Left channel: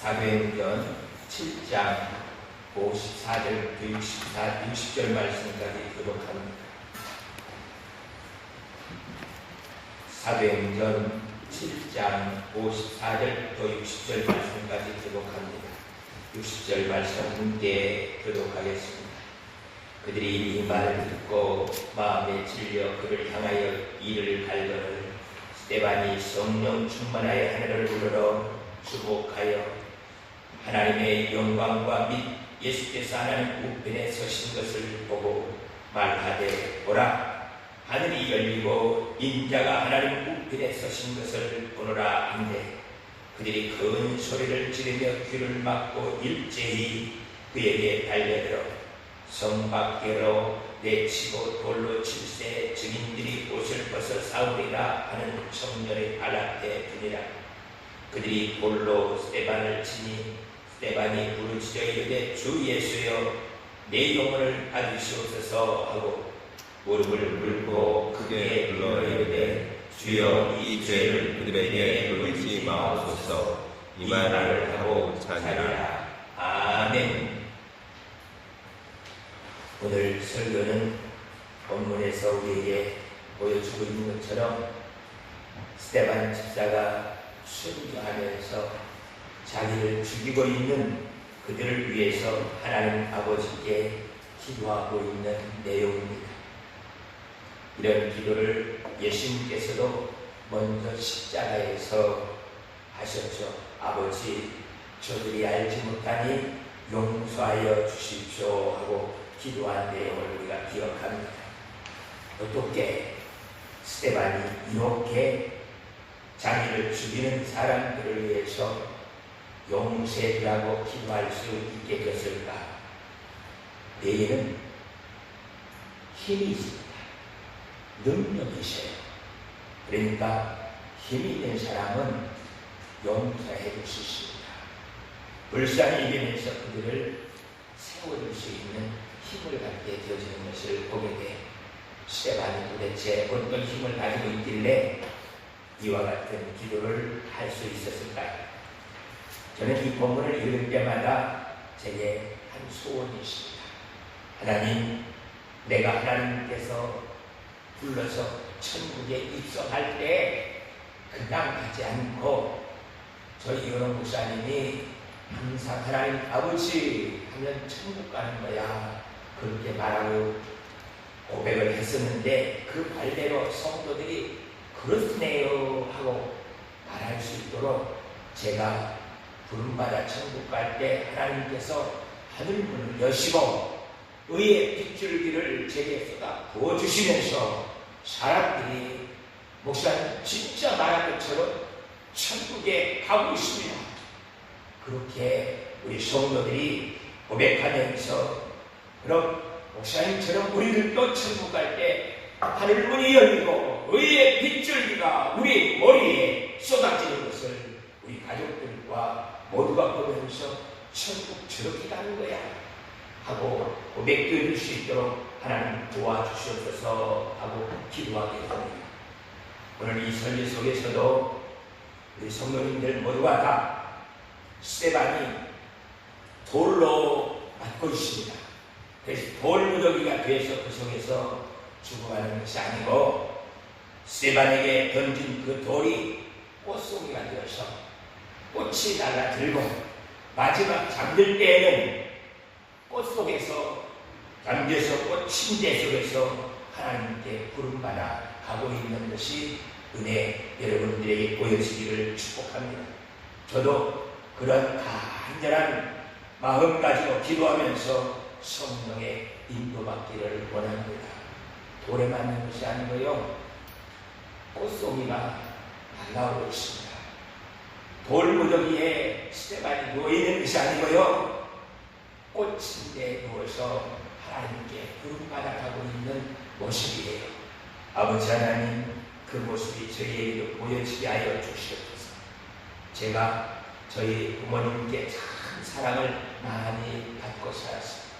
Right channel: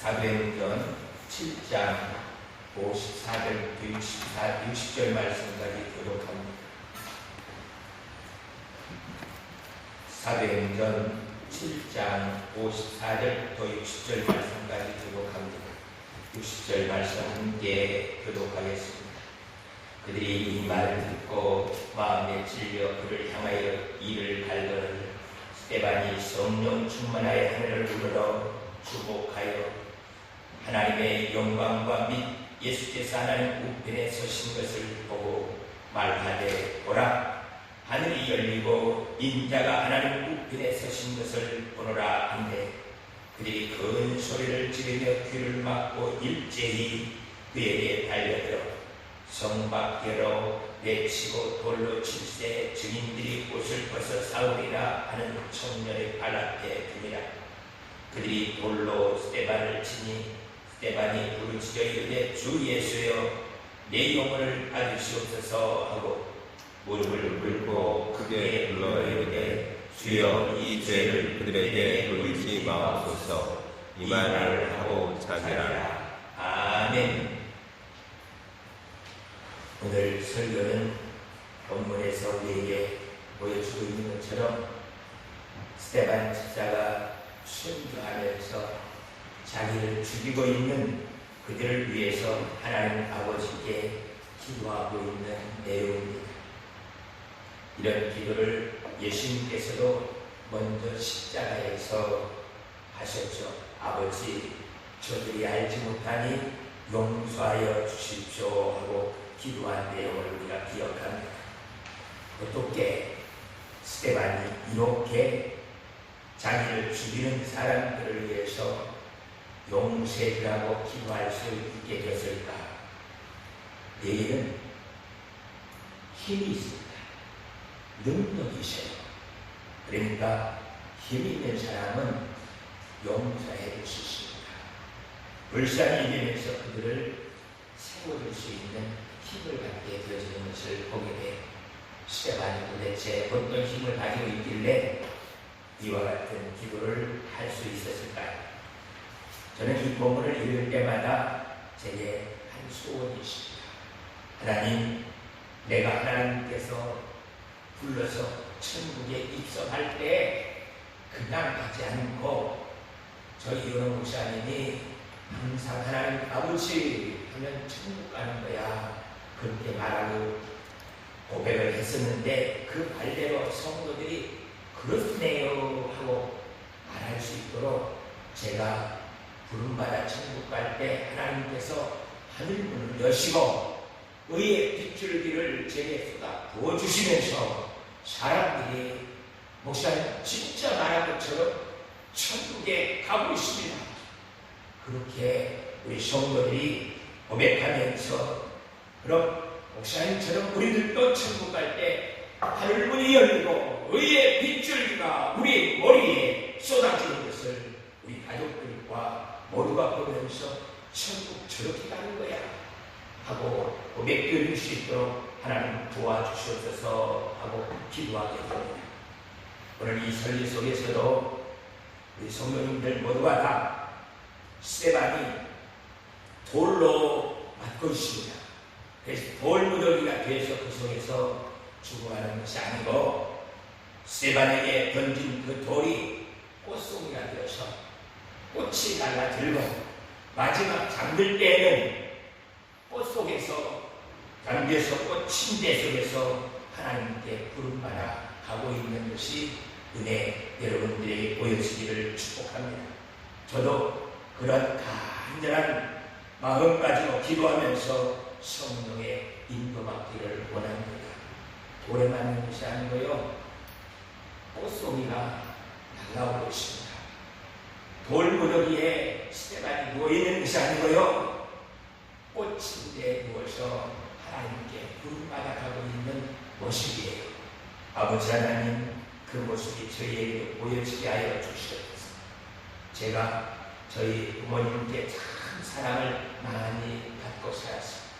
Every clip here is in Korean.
사도행전 7장 54절부터 60절 말씀까지 교독합니다. 사도행전 7장 54절부터 60절 말씀까지 교독합니다. 60절 말씀 함께 교독하겠습니다. 그들이 이 말을 듣고 마음에 찔려 그를 향하여 이를 갈거늘 스데반이 성령 충만하여 하늘을 우러러 주목하여 하나님의 영광과 및 예수께서 하나님 우편에 서신 것을 보고 말하되 보라 하늘이 열리고 인자가 하나님 우편에 서신 것을 보노라 한데 그들이 큰 소리를 지르며 귀를 막고 일제히 그에게 달려들어 성 밖으로 내치고 돌로 칠세 증인들이 옷을 벗어 싸우리라 하는 청년의 발 앞에 두니라. 그들이 돌로 스데반을 치니 스데반이 부르짖어 이르되 주 예수여 내 영혼을 받으시옵소서 하고 무릎을 꿇고 크게 불러 이르되 주여 이 죄를 그들에게 돌리지 마옵소서. 이 말을 하고 자니라. 아멘. 오늘 설교는 본문에서 우리에게 보여주고 있는 것처럼 스데반 집사가 순교하면서 자기를 죽이고 있는 그들을 위해서 하나님 아버지께 기도하고 있는 내용입니다. 이런 기도를 예수님께서도 먼저 십자가에서 하셨죠. 아버지, 저들이 알지 못하니 용서하여 주십시오 하고 기도한 내용을 우리가 기억합니다. 어떻게 스데반이 이렇게 자기를 죽이는 사람들을 위해서 용서해주라고 기도할 수 있게 되었을까? 내일은 힘이 있습니다. 능력이 있어요. 그러니까 힘이 있는 사람은 용서해 줄 수 있습니다. 불쌍히 여기면서 그들을 세워줄 수 있는 힘을 갖게 되어지는 것을 보게 돼요. 스데반이 도대체 어떤 힘을 가지고 있길래 이와 같은 기도를 할 수 있었을까요? 저는 이 본문을 읽을 때마다 제게 한 소원이 있습니다. 하나님, 내가 하나님께서 불러서 천국에 입성할 때 그냥 가지 않고 저희 이원호 목사님이 항상 하나님 아버지 하면 천국 가는 거야 그렇게 말하고 고백을 했었는데 그 말대로 성도들이 그렇네요 하고 말할 수 있도록 제가 부름받아 천국 갈 때 하나님께서 하늘문을 여시고 의의 빗줄기를 제게 쏟아 부어주시면서 사람들이 목사님 진짜 말한 것처럼 천국에 가고 있습니다. 그렇게 우리 성도들이 고백하면서 그럼 목사님처럼 우리들도 천국 갈 때 하늘문이 열리고 의의 빗줄기가 우리 머리에 쏟아지는 것을 우리 가족들과 모두가 보면서 천국 저렇게 가는 거야 하고 고백드릴 수 있도록 하나님 도와주시옵소서 하고 기도하게 됩니다. 오늘 이 설교 속에서도 우리 성도님들 모두가 다 스데반이 돌로 맞고 있습니다. 그래서 돌무더기가 돼서 그 속에서 죽어가는 것이 아니고 스데반에게 던진 그 돌이 꽃송이가 되어서 꽃이 달라들고 마지막 잠들 때에는 꽃 속에서 잠겨서 꽃 침대 속에서 하나님께 부름받아 가고 있는 것이 은혜 여러분들에게 보여지기를 축복합니다. 저도 그런 간절한 마음 가지고 기도하면서 성령의 인도받기를 원합니다. 돌에 맞는 것이 아니고요. 꽃송이가 날아오고 있습니다. 돌무더기에 스데반이 누워있는 것이 아니고요. 꽃침대에 누워서 하나님께 부름받아 가고 있는 모습이에요. 아버지 하나님, 그 모습이 저희에게도 보여지게 하여 주시옵소서. 제가 저희 부모님께 참 사랑을 많이 받고 살았습니다.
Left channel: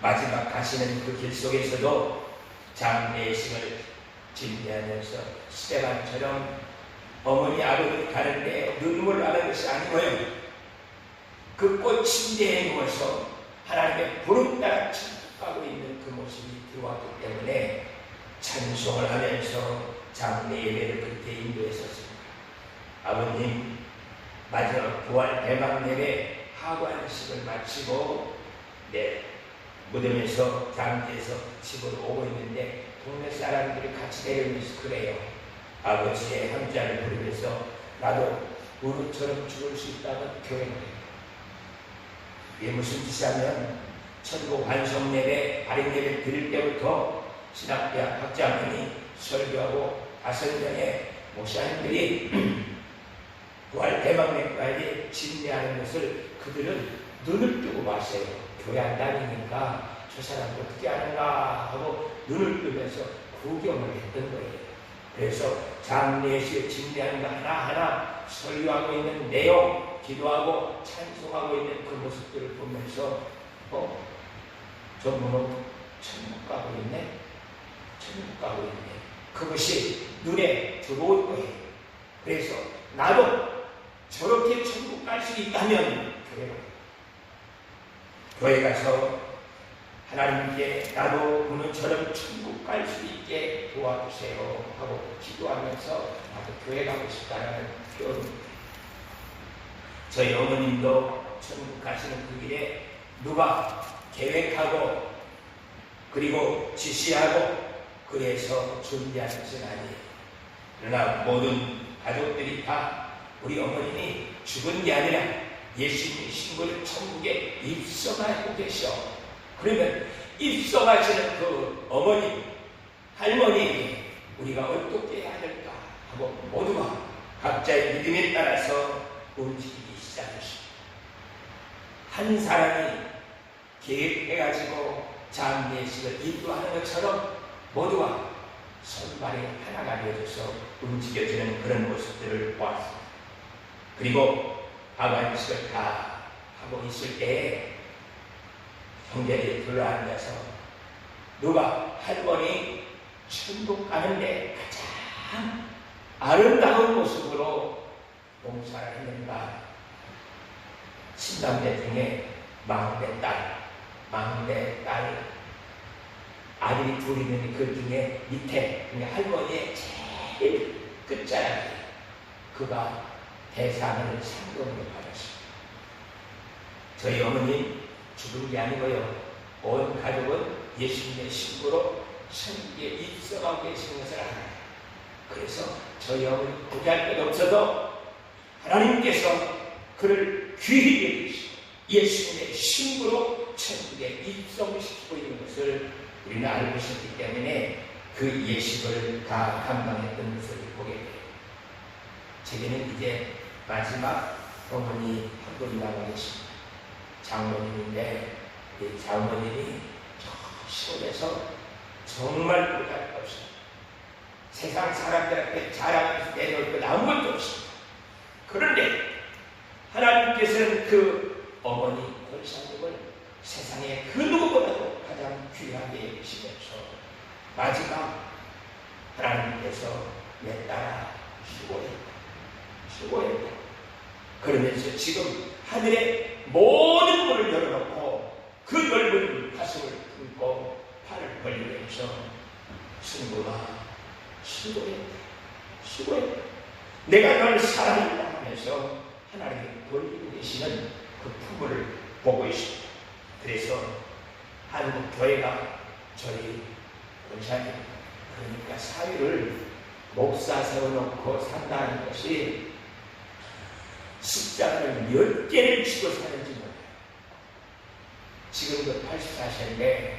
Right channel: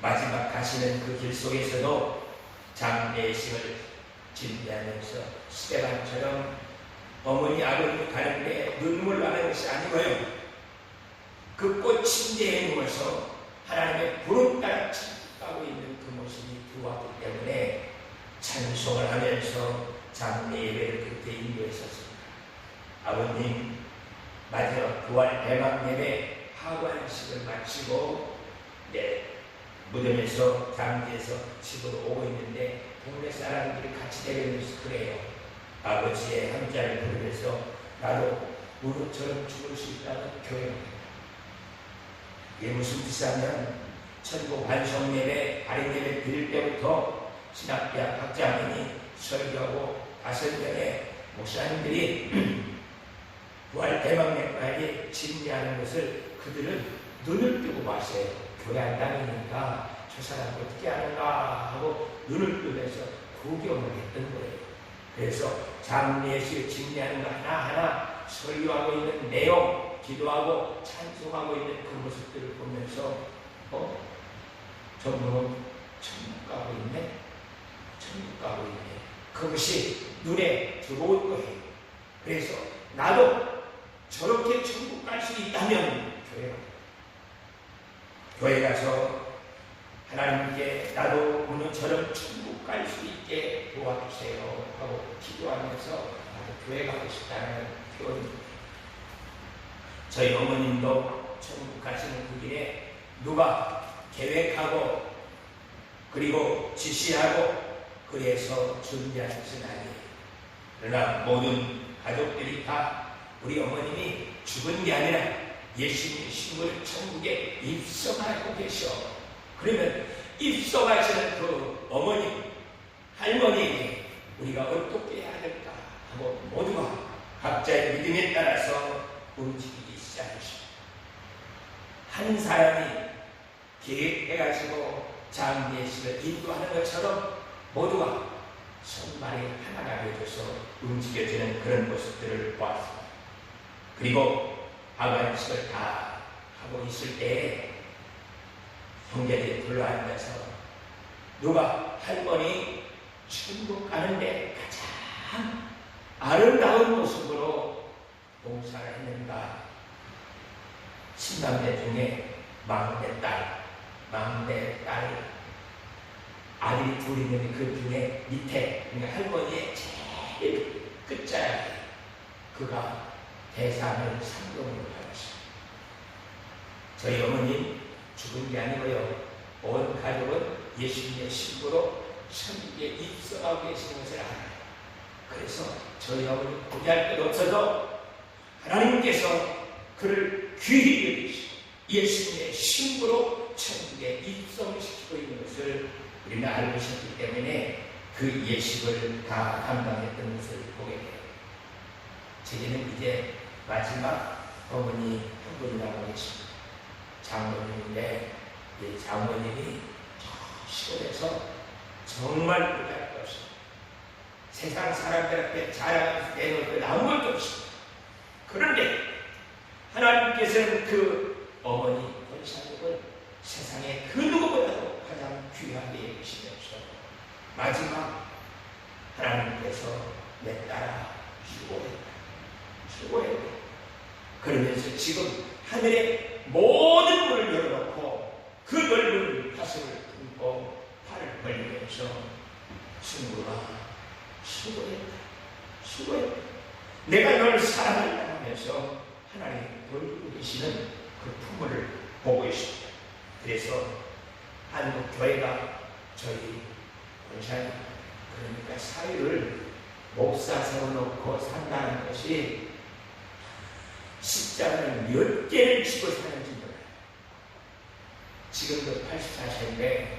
마지막 가시는 그 길 속에서도 장래의 힘을 진대하면서 스데반처럼 어머니 아버지 가는데 눈물 나는 것이 아니고요. 그 꽃 침대에 누워서 하나님의 부름 따라 천국가고 있는 그 모습이 들어왔기 때문에 찬송을 하면서 장례 예배를 그렇게 인도했었습니다. 아버님, 마지막 부활 대막 예배 하관식을 마치고 무덤에서 장지에서 집으로 오고 있는데 동네 사람들이 같이 내려오면서 그래요. 아버지의 함자를 부르면서 나도 우리처럼 죽을 수 있다는 교회를 합니다. 이게 무슨 뜻이냐면 천국 반성 예배, 발행 예배 드릴 때부터 신학대학 학자님이 설교하고 5명의 목사님들이 부활 대망론까지 진리하는 것을 그들은 눈을 뜨고 봤어요. 교회 안 다니니까 저 사람이 어떻게 하는가 하고 눈을 뜨면서 구경을 했던 거예요. 그래서 장례식 진리하는 거 하나하나 설교하고 있는 내용, 기도하고 찬송하고 있는 그 모습들을 보면서 저분은 천국 가고 있네, 천국 가고 있네. 그것이 눈에 들어올 거예요. 그래서 나도 저렇게 천국 갈 수 있다면 교회 가서 하나님께 나도 오늘처럼 천국 갈 수 있게 도와주세요 하고 기도하면서 나도 교회 가고 싶다는 표현입니다. 저희 어머님도 천국 가시는 그 길에 누가 계획하고 그리고 지시하고 그래서 준비하는 것은 아니에요. 그러나 모든 가족들이 다 우리 어머님이 죽은 게 아니라 예수님 신부를 천국에 입성하고 계셔. 그러면 입성하시는 그 어머님, 할머니에게 우리가 어떻게 해야 될까 하고 모두가 각자의 믿음에 따라서 움직이기 시작했습니다. 한 사람이 계획해가지고 장례식을 인도하는 것처럼 모두가 손발이 하나가 되어져서 움직여지는 그런 모습들을 보았습니다. 그리고 하관식을 다 하고 있을 때에 형제들이 둘러앉아서 누가 할머니 천국 가는데 가장 아름다운 모습으로 봉사를 했는가. 신당대 중에 막내 딸 아들이 둘이 있는데 그 중에 밑에 할머니의 제일 끝자락에 그가 대상을 상금으로 받았습니다. 저희 어머님 죽은 게 아니고요. 온 가족은 예수님의 신부로 천국에 입성하고 계신 것을 알아요. 그래서 저희 어머니 고대할 것 없어도 하나님께서 그를 귀히 여기시고 예수님의 신부로 천국에 입성시키고 있는 것을 우리는 알고 있었기 때문에 그 예식을 다 감당했던 것을 보게 돼요. 제게는 이제 마지막 어머니 한 분이 남아 계십니다. 장모님인데 이 장모님이 저 시골에서 정말 부탁 없이 세상 사람들한테 자랑하면서 내놓을 것 아무것도 없습니다. 그런데 하나님께서는 그 어머니 권사님을 세상에 그 누구보다도 가장 귀하게 여기시면서 마지막 하나님께서 내 딸아 수고했다. 그러면서 지금 하늘의 모든 문을 열어놓고 그 넓은 가슴을 품고 팔을 벌리면서 승구아 수고했다. 내가 널 사랑했다 하면서 하나님이 돌리고 계시는 그 품을 보고 있습니다. 그래서 한국 교회가 저희 원사님 그러니까 사회를 목사 세워놓고 산다는 것이 십자가를 몇 개를 지고 사는지 몰라요. 지금도 84세인데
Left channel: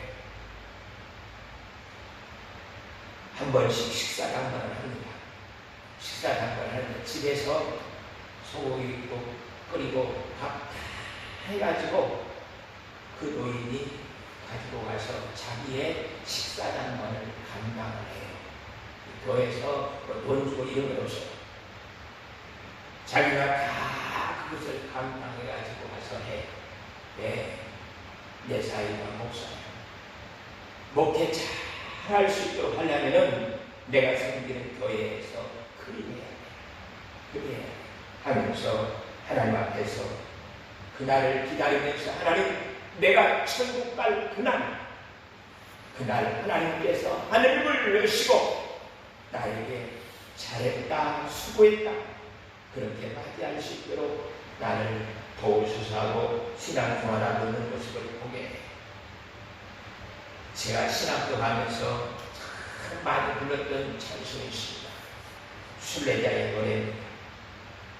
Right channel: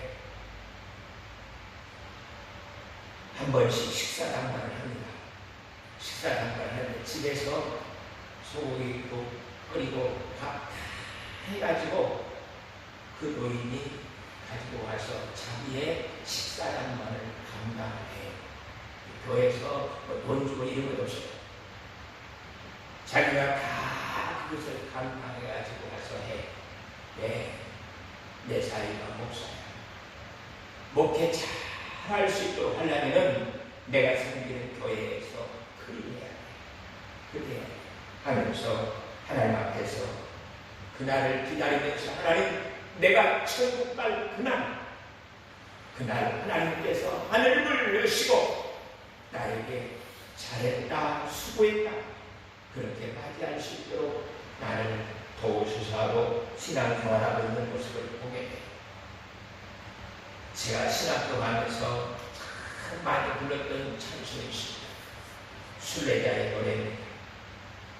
한 번씩 식사 당번을 합니다. 식사 당번을 하는데 집에서 소고기 끓이고 밥 다 해가지고 그 노인이 가지고 와서 자기의 식사 당번을 감당을 해요. 교회에서 돈 주고 이런 것 없어요. 자기가 다 그것을 감당해가지고 와서 해. 내 사이가 목사야. 목회 잘 할 수 있도록 하려면은 내가 섬기는 교회에서 그리해야 돼. 하면서 하나님 앞에서 그날을 기다리면서 하나님, 내가 천국 갈 그날 하나님께서 하늘을 여시고 나에게 잘했다, 수고했다 그렇게 맞이할 수 있도록 나를 도우소서 하고 신앙생활하고 있는 모습을 보게 돼요. 제가 신학교 가면서 참 많이 불렀던 찬송이 있습니다. 순례자의 노래입니다.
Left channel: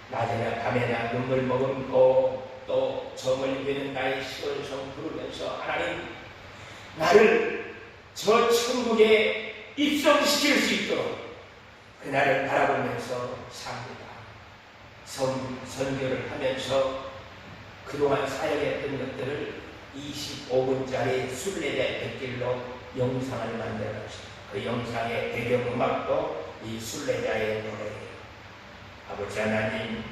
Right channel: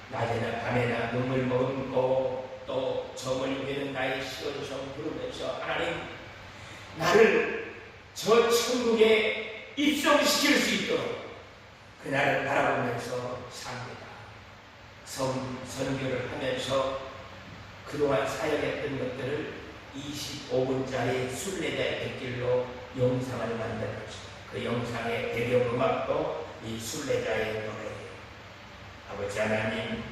낮에나 밤에나 눈물 머금고 또 점을 비는 나의 시온성 부르면서 하나님, 나를 저 천국에 입성시킬 수 있도록 그날을 바라보면서 삽니다. 선교를 하면서 그동안 사역했던 것들을 25분짜리 순례자 백길로 영상을 만들었습니다. 그 영상의 배경음악도 이 순례자의 노래예요. 아버지 하나님,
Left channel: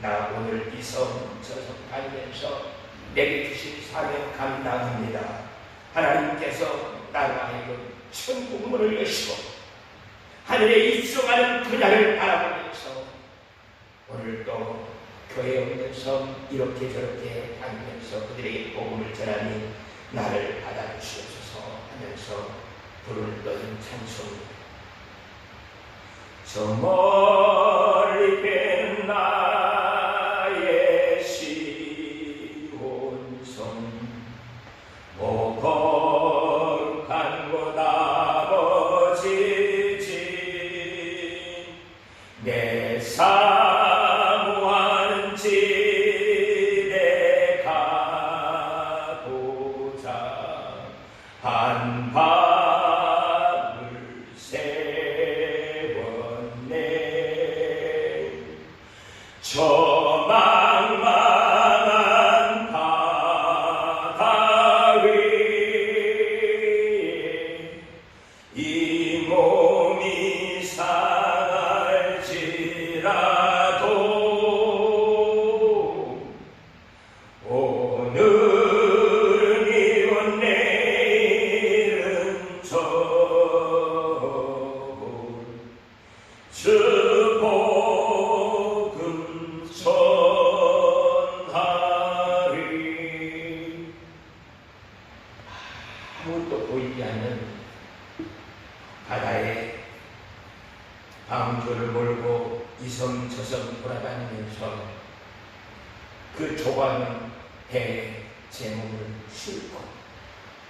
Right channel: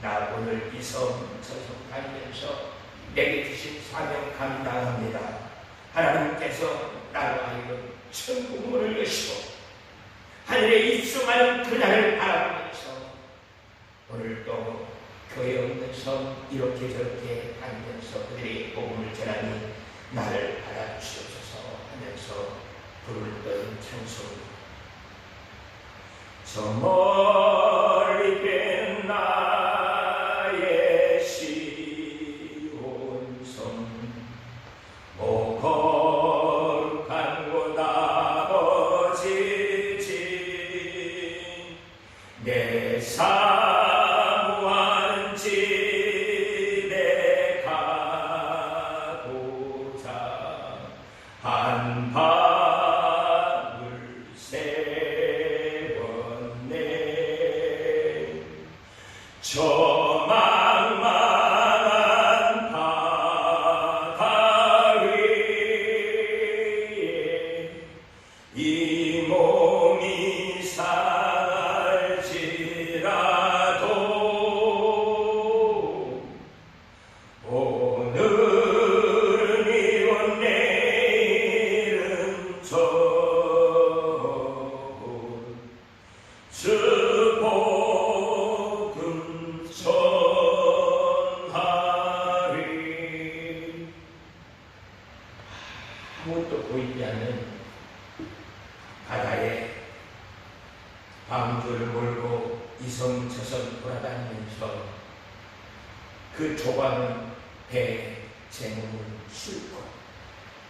나 오늘 이 섬 저 섬 다니면서 내게 주신 사명 감당합니다. 하나님께서 나로 하여금 천국문을 여시고 하늘에 입성하는 그날을 바라보면서 오늘도 교회 없는 섬 이렇게 저렇게 다니면서 그들에게 복음을 전하니 나를 받아주시옵소서 하면서 부르던 찬송입니다. 저 멀리 뺀 나의 시온섬 거룩한 곳 아버지 집 내 사모하는 집에 가고자 한 밤을 세웠네. 저 망망한 바다 위에 이 몸이 상할지라도 오늘 미운 내일은 주 복음 전하리. 아무것도 보이지 않는 바다에 방주를 몰고 이섬 저섬 돌아다니면서 그 좁은 배에 제 몸을 싣고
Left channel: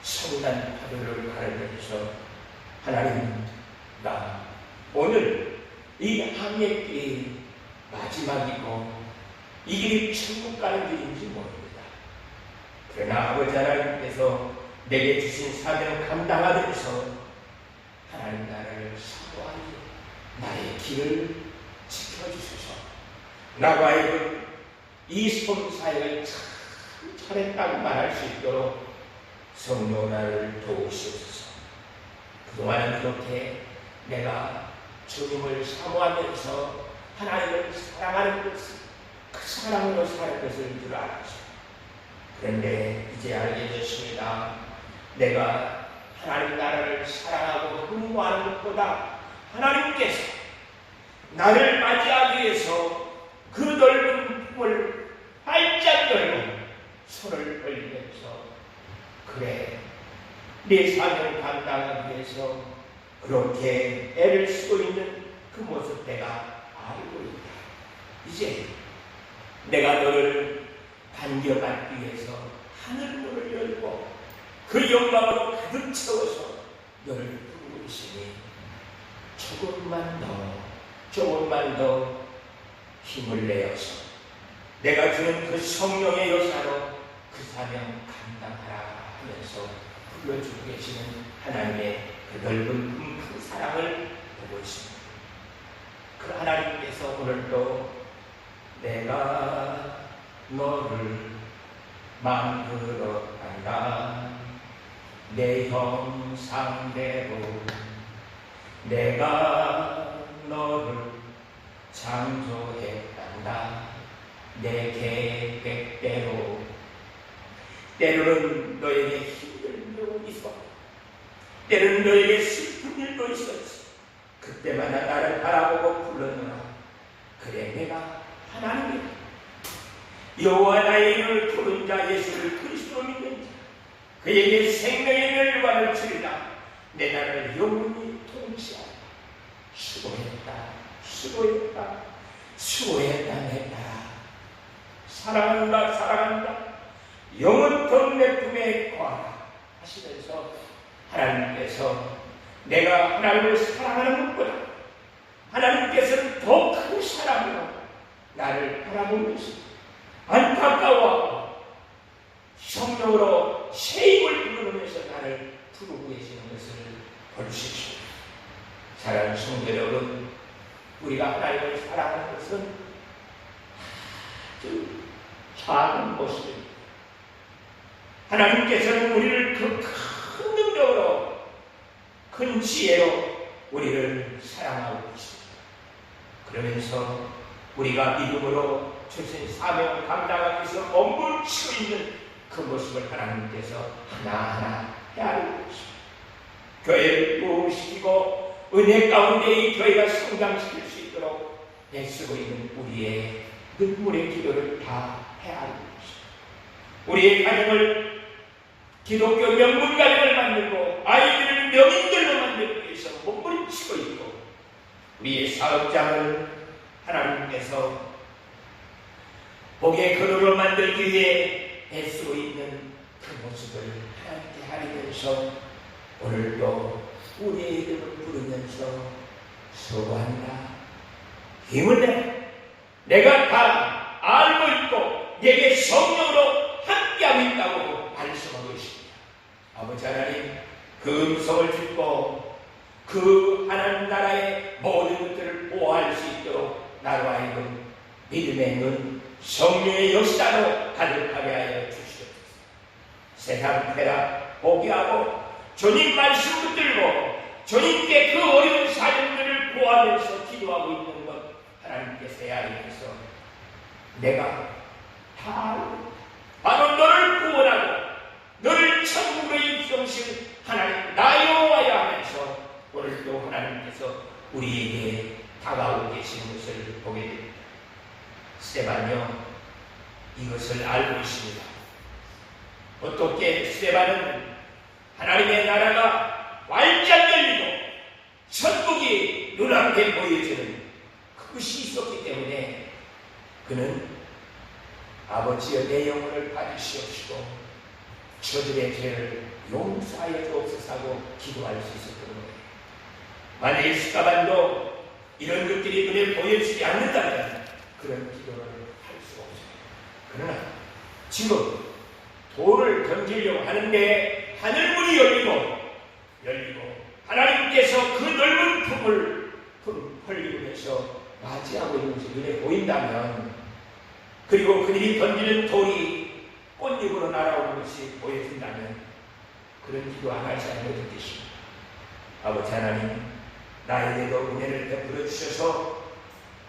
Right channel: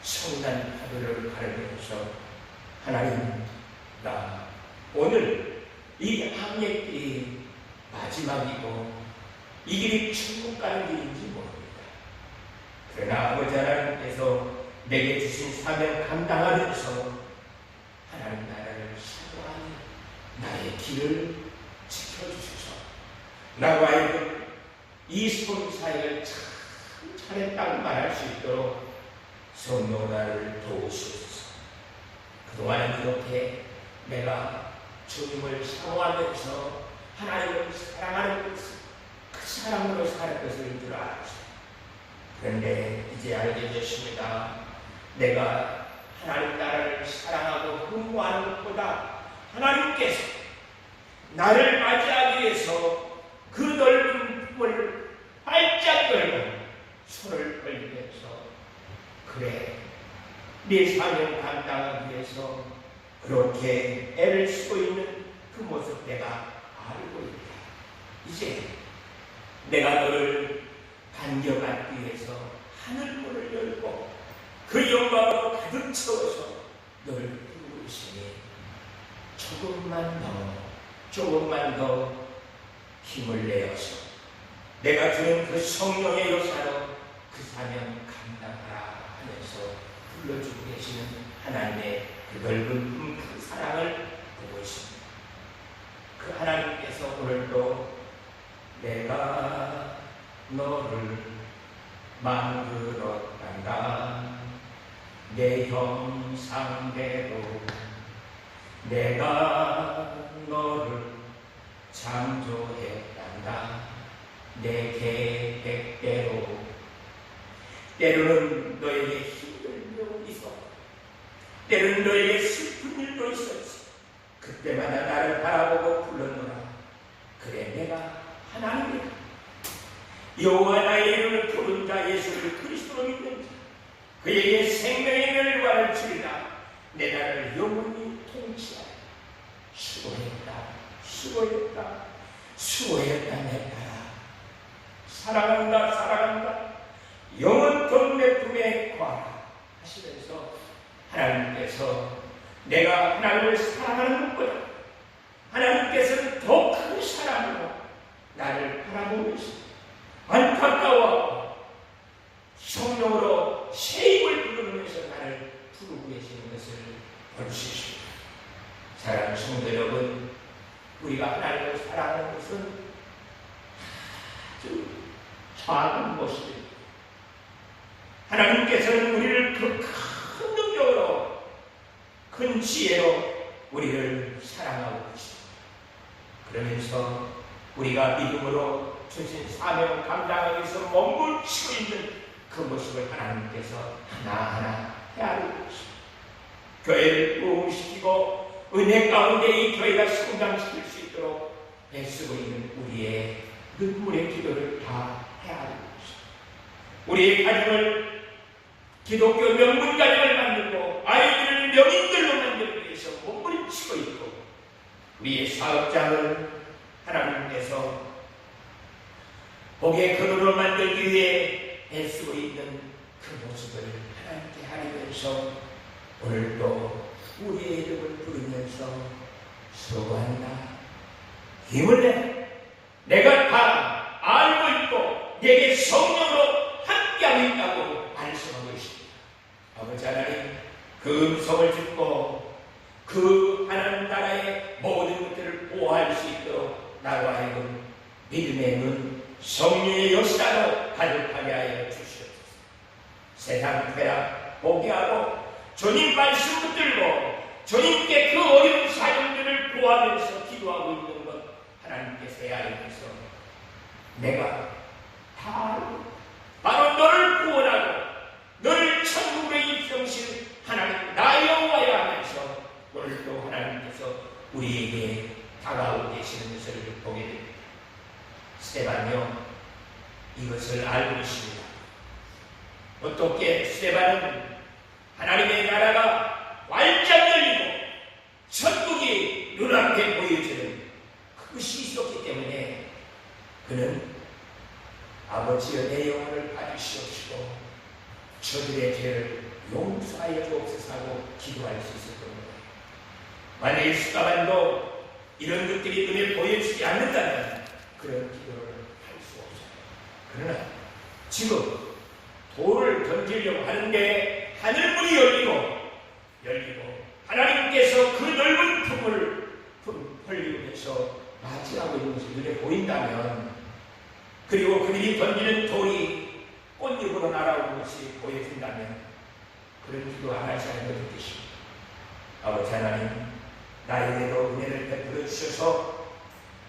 성난 파도를 가르면서 하나님, 나 오늘 이 항해길이 마지막이고 이 길이 천국 가는 길인지 모릅니다. 그러나 아버지 하나님께서 내게 주신 사명 감당하면서 하나님 나라를 사모하니 나의 길을 지켜주소서. 나와 하여금 이 섬 사역을 참 잘했다고 말할 수 있도록 성도 나를 도우시옵소서. 그동안은 그렇게 내가 주님을 사모하면서 하나님을 사랑하는 것을 그 사랑으로 사는 것을 줄 알았어요. 그런데 이제 알게 됐습니다. 내가 하나님 나라를 사랑하고 흠모하는 것보다 하나님께서 나를 맞이하기 위해서 그 넓은 품을 활짝 열고 손을 벌리면서 그래, 네 사명을 감당하기 위해서 그렇게 애를 쓰고 있는 그 모습 내가 알고 있다. 이제 내가 너를 반겨받기 위해서 하늘문을 열고 그 영광으로 가득 채워서 너를 부르고 있으니 조금만 더 힘을 내어서 내가 주는 그 성령의 요사로 그 사명 감당하라 하면서 불러주고 계시는 하나님의 그 넓은 큰 사랑을 보고 있습니다. 그 하나님께서 오늘도 내가 너를 만들었단다. 내 형상대로 내가 너를 창조했단다. 내 계획대로. 때로는 너에게 힘든 일도 있었고 때로는 너에게 슬픈 일도 있었지. 그때마다 나를 바라보고 불렀노라. 그래, 내가 하나님이다. 여호와 나의 이름을 부른 자 예수를 그리스도로 믿는 자 그에게 생명의 멸관을 주리라. 내 나라를 영원히 통치하라. 수고했다 수고했다 수고했다 내 나라. 사랑한다 사랑한다 영원토록 내 품에 거하라 하시면서 하나님께서 내가 하나님을 사랑하는 것보다 하나님께서는 더 큰 사랑으로 나를 바라보면서 안타까워하고 성령으로 새 힘을 불어넣으면서 나를 부르고 계시는 것을 볼 수 있습니다. 사랑하는 성도 여러분, 우리가 하나님을 사랑하는 것은 아주 작은 모습입니다. 하나님께서는 우리를 그 큰 능력으로 큰 지혜로 우리를 사랑하고 계십니다. 그러면서 우리가 믿음으로 주신 사명을 감당하기 위해서 몸부림치고 있는 그 모습을 하나님께서 하나하나 헤아리고 있습니다. 교회를 부흥시키고 은혜 가운데 이 교회가 성장시킬 수 있도록 애쓰고 있는 우리의 눈물의 기도를 다 헤아리고 있습니다. 우리의 가정을 기독교 명문 가정을 만들고 아이들을 명인들로 만들기 위해서 몸부림치고 있고 우리의 사업장을 하나님께서 복의 근원으로 만들기 위해 애쓰고 있는 그 모습을 하나님께 하리면서 오늘도 우리의 이름을 부르면서 수고한다 힘을 내 내가 다 알고 있고 내게 성령으로 함께하고 있다고 말씀하고 있습니다. 아버지 하나님 그 음성을 듣고 그 하나님 나라의 모든 것들을 보호할 수 있도록 나로 하여금 믿음의 눈 성령의 역사로 가득하게 하여 주시옵소서. 세상 쾌락 포기하고 주님 말씀 붙들고 주님께 그 어려운 사정들을 보호하면서 기도하고 있는 것 하나님께서 헤아리면서 내가 다 바로 너를 구원하고 너를 천국으로 입성실 하나님 나 여호와야 하면서 오늘도 하나님께서 우리에게 다가오고 계시는 것을 보게 됩니다. 스데반요 이것을 알고 있습니다. 어떻게 스데반은 하나님의 나라가 활짝 열리고 천국이 눈앞에 보여지는 그것이 있었기 때문에 그는 아버지여 내 영혼을 받으시옵시고 저들의 죄를 용서하여 주옵소서 하고 기도할 수 있었던 거예요. 만일 스데반도 이런 것들이 눈에 보여지지 않는다면 그런 기도를 할 수 없어요. 그러나 지금 돌을 던지려고 하는데 하늘문이 열리고 하나님께서 그 넓은 품을 벌리면서 맞이하고 있는 것이 눈에 보인다면 그리고 그들이 던지는 돌이 꽃잎으로 날아오는 것이 보여진다면 그런 기도 안 하지 않는 것을 뜻입니다. 아버지 하나님 나에게도 은혜를 베풀어 주셔서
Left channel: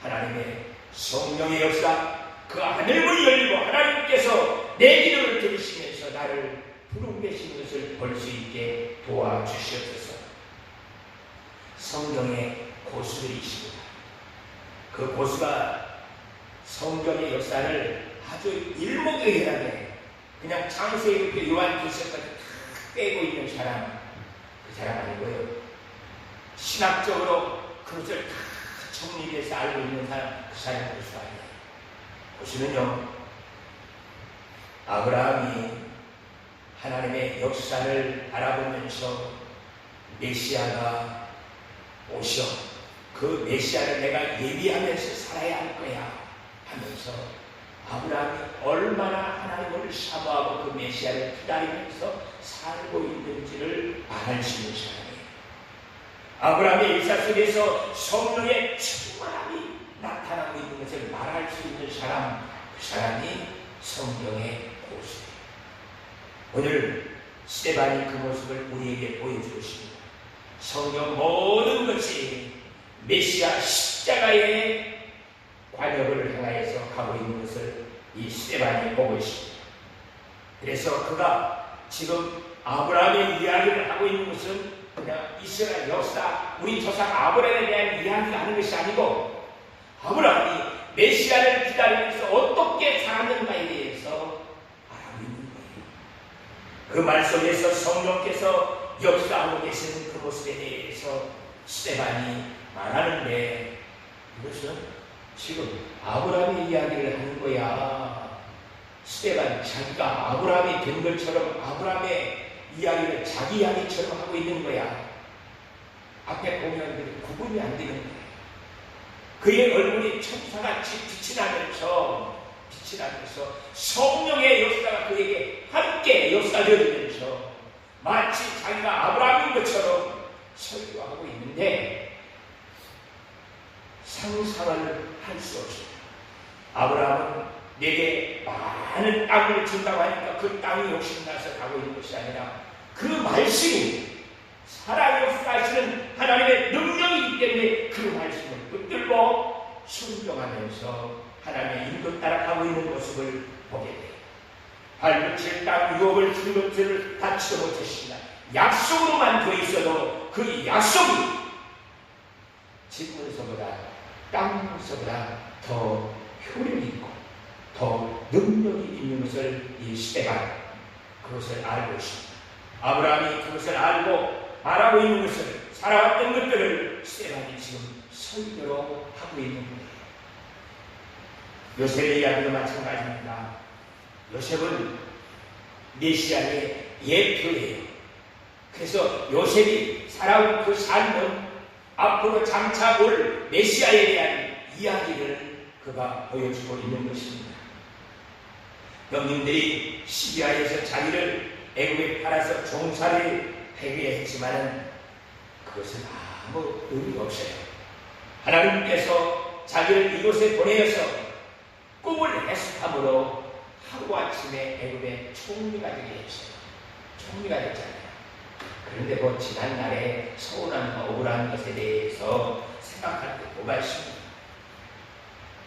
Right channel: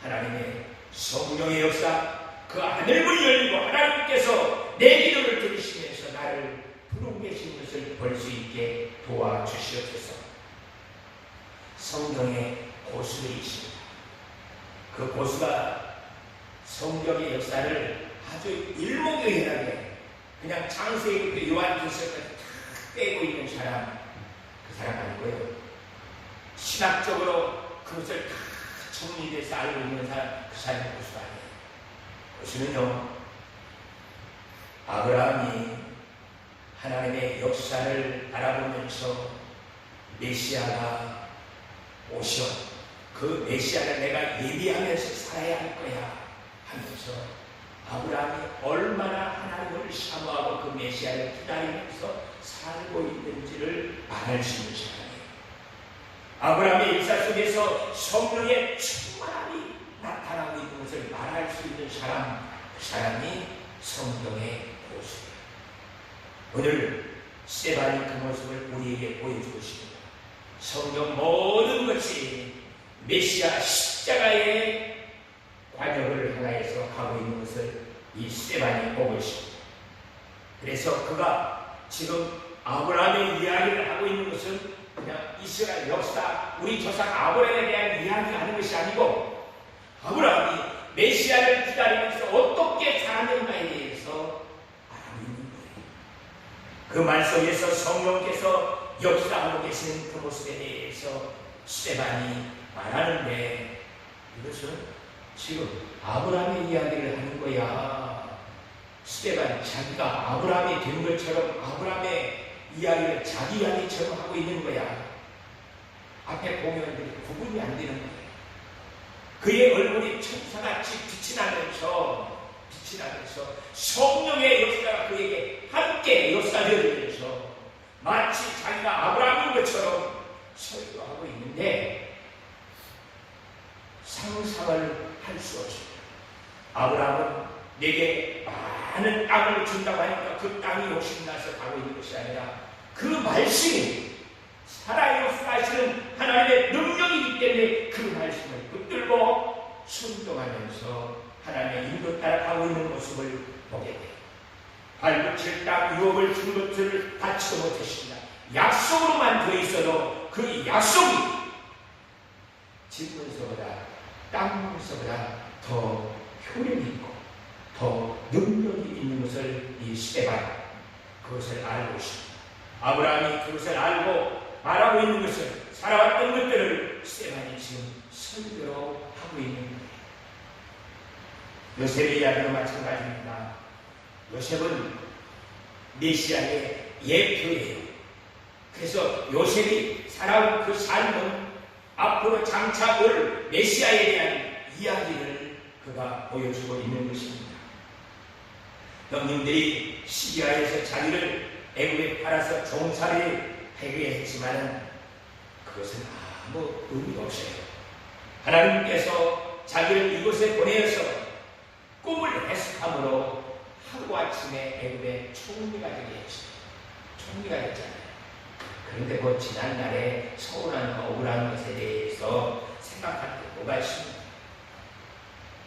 하나님의 성령의 역사 그 하늘문이 열리고 하나님께서 내 기도를 들으시면서 나를 부르고 계신 것을 볼 수 있게 도와주시옵소서. 성경의 고수들이 있습니다. 그 고수가 성경의 역사를 아주 일목요연하게 그냥 창세기부터 요한계시록까지 다 빼고 있는 사람 그 사람 아니고요. 신학적으로 그것을 다 정리돼서 알고 있는 사람 그 사람이 고수가 아니에요. 고수는요 아브라함이 하나님의 역사를 알아보면서 메시아가 오셔 그 메시아를 내가 예비하면서 살아야 할 거야 하면서 아브라함이 얼마나 하나님을 사모하고 그 메시아를 기다리면서 살고 있는지를 말할 수 있는 사람이에요. 아브라함의 역사 속에서 성령의 충만함이 나타나고 있는 것을 말할 수 있는 사람 그 사람이 성경의 고수예요. 오늘 스데반이 그 모습을 우리에게 보여주고 있습니다. 성경 모든 것이 메시아 십자가의 관역을 향하여서 가고 있는 것을 이 스데반이 보고 있습니다. 그래서 그가 지금 아브라함의 이야기를 하고 있는 것은 그냥 이스라엘 역사, 우리 조상 아브라함에 대한 이야기를 하는 것이 아니고 아브라함이 메시아를 기다리면서 어떻게 살았는가에 대해서 알고 있는 거예요. 그 말 속에서 성령께서 역사하고 계시는 그 모습에 대해서 스데반이 말하는데, 이것은 지금 아브라함의 이야기를 하는 거야. 스데반이 자기가 아브라함이 된 것처럼 아브라함의 이야기를 자기 이야기처럼 하고 있는 거야. 앞에 보면 구분이 안 되는 거예요. 그의 얼굴이 천사같이 빛이 나면서 성령의 역사가 그에게 함께 역사되면서 마치 자기가 아브라함인 것처럼 설교하고 있는데, 상상을 할 수 없어요. 아브라함은 내게 많은 땅을 준다고 하니까 그 땅이 욕심나서 가고 있는 것이 아니라 그 말씀이 살아 역사하시는 하나님의 능력이기 때문에 그 말씀을 붙들고 순종하면서 하나님의 인도 따라 가고 있는 모습을 보게 돼요. 발붙일 땅 유업을 준 것들을 받지도 못했습니다. 약속으로만 돼 있어도 그 약속이 집 문서보다 땅 문서보다 더 효력이 있고 더 능력이 있는 것을 이 스데반 그것을 알고 있습니다. 아브라함이 그것을 알고 말하고 있는 것을, 살아왔던 것들을 스데반이 지금 설교로 하고 있는 거예요. 요셉의 이야기도 마찬가지입니다. 요셉은 메시아의 예표예요. 그래서 요셉이 살아온 그 삶은 앞으로 장차 올 메시아에 대한 이야기를 그가 보여주고 있는 것입니다. 형님들이 시리아에서 자기를 애굽에 팔아서 종살이 하게 했지만은 그것은 아무 의미가 없어요. 하나님께서 자기를 이곳에 보내어서 꿈을 해석함으로 하루아침에 애굽의 총리가 되게 했어요. 총리가 됐잖아요. 그런데 뭐 지난날에 서운함과 억울한 것에 대해서 생각할 때 뭐가 있습니까?